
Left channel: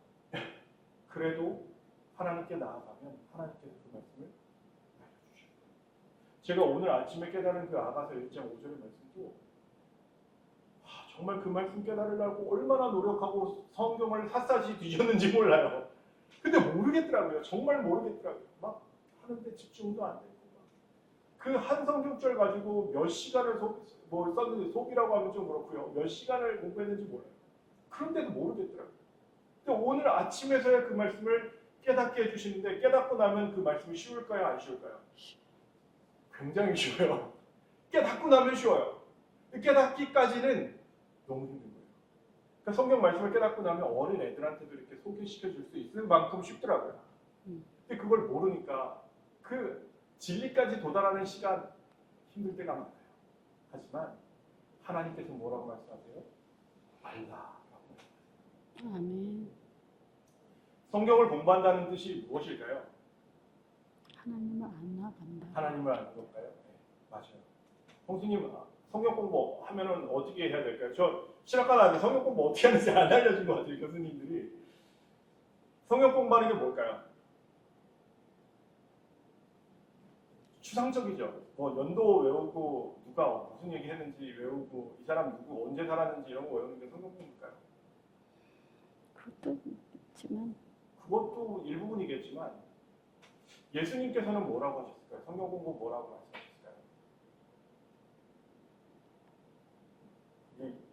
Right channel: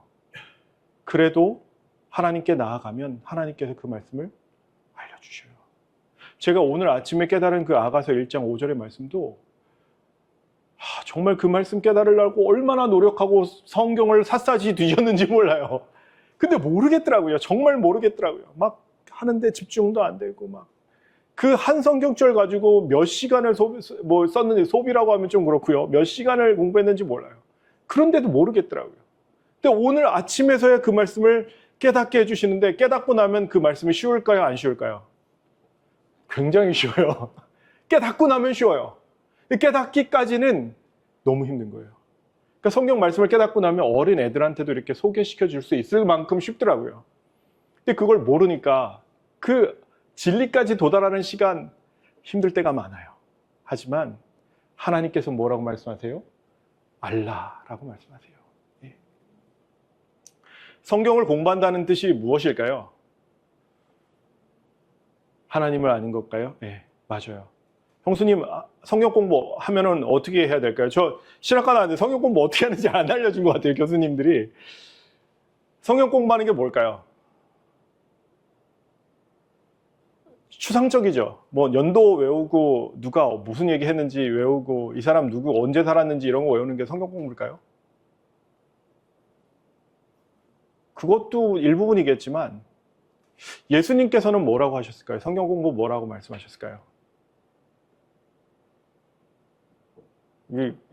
그래도 하나님께 나아가면 하나님께서 그 말씀을 알려주셔요. 제가 오늘 아침에 깨달은 그 아가서 1장 5절의 말씀도 정말 그 말씀 깨달으려고 얼마나 노력하고 성경을 샅샅이 뒤졌는지 몰라요. 근데 모르겠더라고요. 정말 모르겠더라고요. 막 하는데 집중도 안 되고 막 그 한 성경절 가지고 몇 시간을 썼는지, 소비라고 하면 좀 그렇고요. 몇 시간을 공부했는지 몰라요. 그런데도 모르겠더라고요. 근데 오늘 아침에서야 그 말씀을 깨닫게 해주시는데 깨닫고 나면 그 말씀이 쉬울까요? 안 쉬울까요? 굉장히 쉬워요. 깨닫고 나면 쉬워요. 깨닫기까지는 너무 힘든 거예요. 그러니까 성경 말씀을 깨닫고 나면 어린 애들한테도 이렇게 소개시켜 줄 수 있을 만큼 쉽더라고요. 근데 그걸 모르니까 그 진리까지 도달하는 시간 힘들 때가 많아요. 하지만 하나님께서 뭐라고 말씀하세요? 알라라고 말씀하세요. 아멘. 성경을 공부한다는 뜻이 무엇일까요? 하나님을 알아간다. 하나님을 아는 걸까요? 네, 맞아요. 형수님, 성경 공부하면은 어떻게 해야 될까요? 저 신학과 나왔는데 성경 공부 어떻게 하는지 안 알려준 것 같아요, 교수님들이. 성경 공부하는 게 뭘까요? 추상적이죠. 뭐 연도 외우고 누가 무슨 얘기 했는지 외우고 이 사람 누구 언제 살았는지 이런 거 외우는 게 성경 공부일까요? 그것도 있지만 그것도 일부분이겠지만 예수님께서는 뭐라고 하셨을까요? 성경 공부 뭐라고 말씀하셨을까요?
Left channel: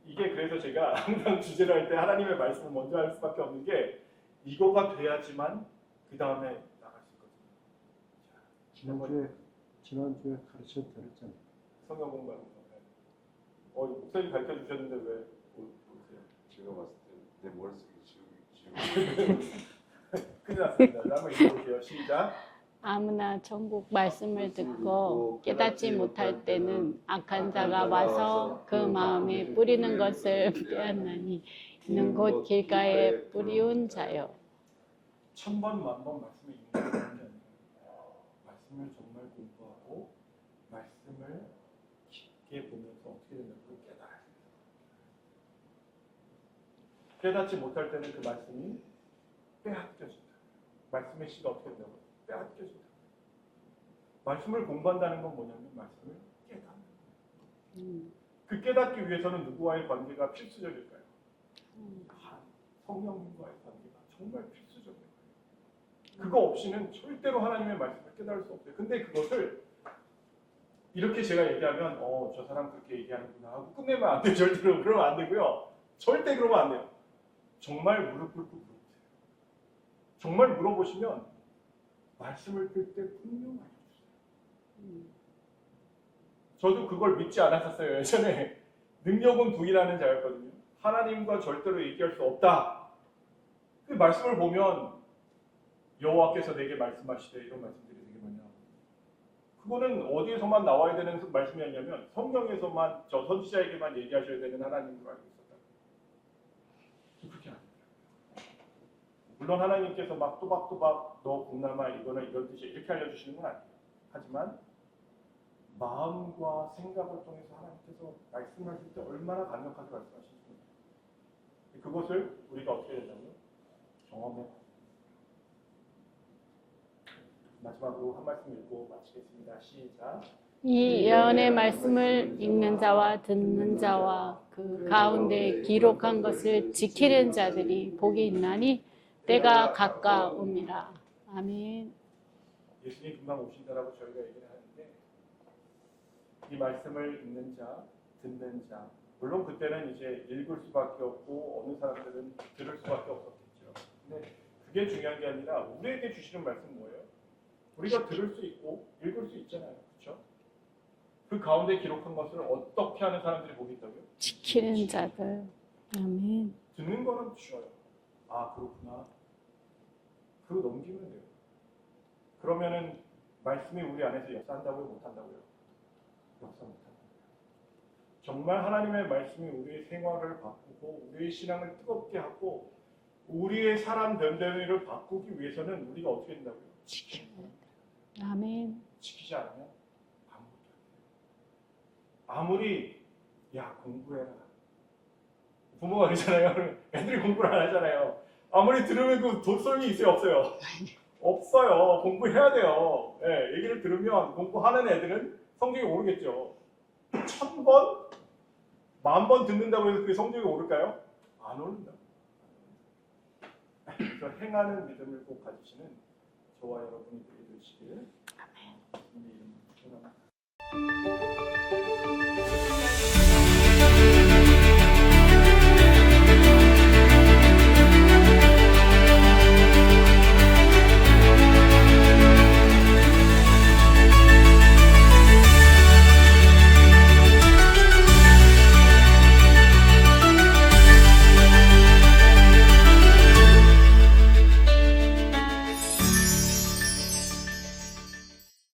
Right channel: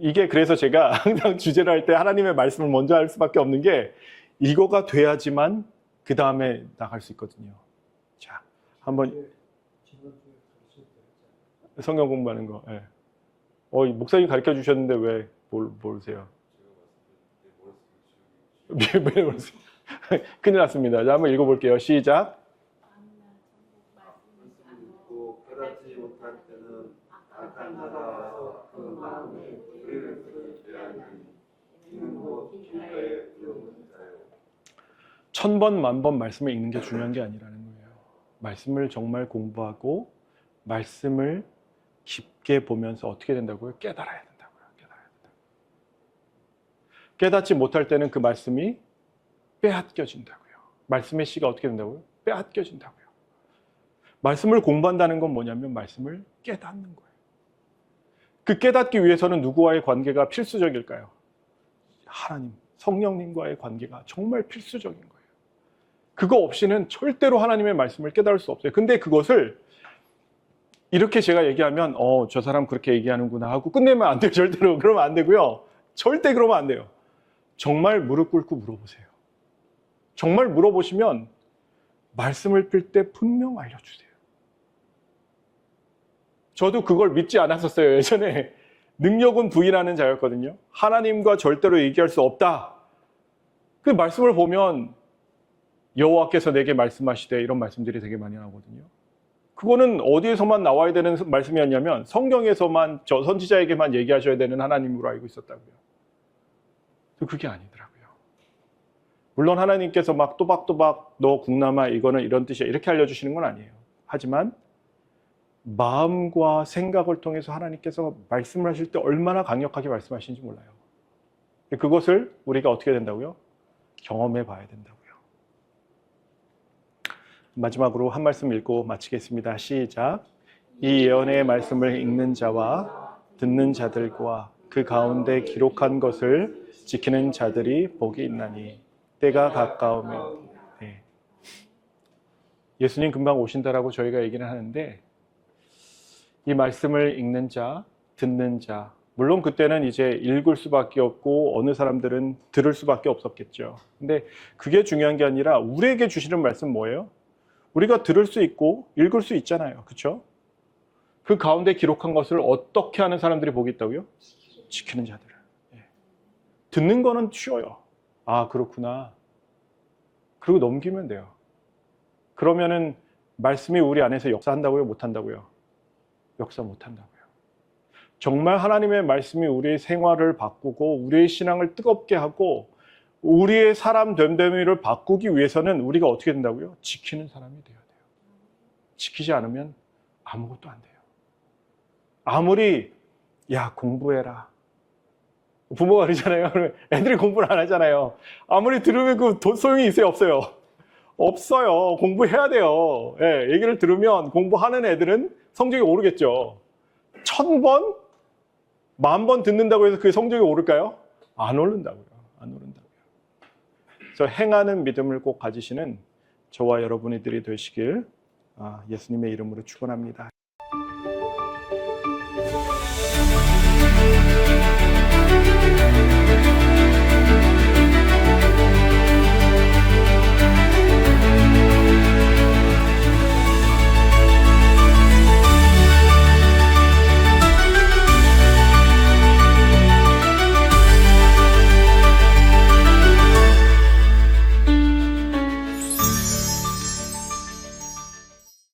이게 그래서 제가 항상 주제를 할 때 하나님의 말씀을 먼저 할 수밖에 없는 게 이거가 돼야지만 그 다음에 나갈 수 있거든요. 자, 한번 지난주에 가르쳐 드렸잖아요. 성경 공부하는 거. 예. 목사님 가르쳐 주셨는데 왜 모르세요? 제가 봤을 때 내 머릿속에 큰일 났습니다. 자, 한번 읽어볼게요. 시작. 아무나 천국 말씀을 듣고 깨닫지 못할 때는 악한 자가 와서 그 마음에 뿌리는 것을 빼앗나니 이는 곧 길가에 뿌리운 자요. 1000번, 10,000번 말씀을 읽는 게 중요한 게 아니라는 거예요. 말씀을 정말 공부하고 말씀을 깊게 보면서 어떻게 된다고요? 깨달아야 된다고요. 깨달아야 된다고요. 깨닫지 못할 때는 그 말씀이 빼앗겨진다고요. 말씀의 씨가 어떻게 된다고요? 빼앗겨진다고요. 말씀을 공부한다는 건 뭐냐면 말씀을 깨닫는 거예요. 그 깨닫기 위해서는 누구와의 관계가 필수적일까요? 하나님, 성령님과의 관계가 정말 필수적인 거예요. 그거 없이는 절대로 하나님의 말씀을 깨달을 수 없어요. 근데 그것을 이렇게 제가 얘기하면 저 사람 그렇게 얘기하는구나 하고 끝내면 안 돼요. 절대로 그러면 안 되고요. 절대 그러면 안 돼요. 정말 무릎 꿇고 물어보세요. 정말 물어보시면 말씀을 필 때 분명 알려주세요. 저도 그걸 믿지 않았었어요. 예전에 능력은 부인하는 자였거든요. 하나님과 절대로 얘기할 수 없다. 그 말씀을 보면 여호와께서 내게 말씀하시되 이런 말씀들이 되게 많이 나오거든요. 그거는 어디에서만 나와야 되는 말씀이었냐면 성경에서만 저 선지자에게만 얘기하셔야 되는 하나님으로 알고 있었다고요. 그게 아니더라고요. 물론 하나님께서 막 또박또박 너 국남아 이거는 이런 뜻이야 이렇게 알려주시는 건 아니에요. 하지만 마음과 생각을 통해서 하나님께서 말씀을 하실 때 얼마나 강력하게 말씀하시는지 몰라요. 그것을 우리가 어떻게 된다고요? 경험해 봐야 된다고요. 마지막으로 한 말씀 읽고 마치겠습니다. 시작. 이 예언의 말씀을 읽는 자와 듣는 자들과 그 가운데 기록한 것을 지키는 자들이 복이 있나니 때가 가까움이라. 네. 아멘. 예수님 금방 오신다라고 저희가 얘기를 하는데 이 말씀을 읽는 자, 듣는 자, 물론 그때는 이제 읽을 수밖에 없고 어느 사람들은 들을 수밖에 없었겠죠. 근데 그게 중요한 게 아니라 우리에게 주시는 말씀 뭐예요? 우리가 들을 수 있고 읽을 수 있잖아요. 그렇죠? 그 가운데 기록한 것을 어떻게 하는 사람들이 복이 있다고요? 지키는 지키는 자들. 자들. 아멘. 듣는 거는 쉬워요. 아, 그렇구나. 그리고 넘기면 돼요. 그러면은 말씀이 우리 안에서 역사한다고요? 못한다고요? 역사 못한다고요. 정말 하나님의 말씀이 우리의 생활을 바꾸고 우리의 신앙을 뜨겁게 하고 우리의 사람 됨됨이를 바꾸기 위해서는 우리가 어떻게 된다고요? 지키는 사람이 돼야 돼요. 아멘. 지키지 않으면 아무것도 안 돼요. 아무리 야 공부해라. 부모가 그러잖아요. 애들이 공부를 안 하잖아요. 아무리 들으면 그 소용이 있어요? 없어요? 없어요. 공부해야 돼요. 예, 얘기를 들으면 공부하는 애들은 성적이 오르겠죠. 1000번? 10,000번 듣는다고 해서 그 성적이 오를까요? 안 오른다고요. 안 오른다고요. 그래서 행하는 믿음을 꼭 가지시는 저와 여러분들이 되시길 예수님의 이름으로 축원합니다.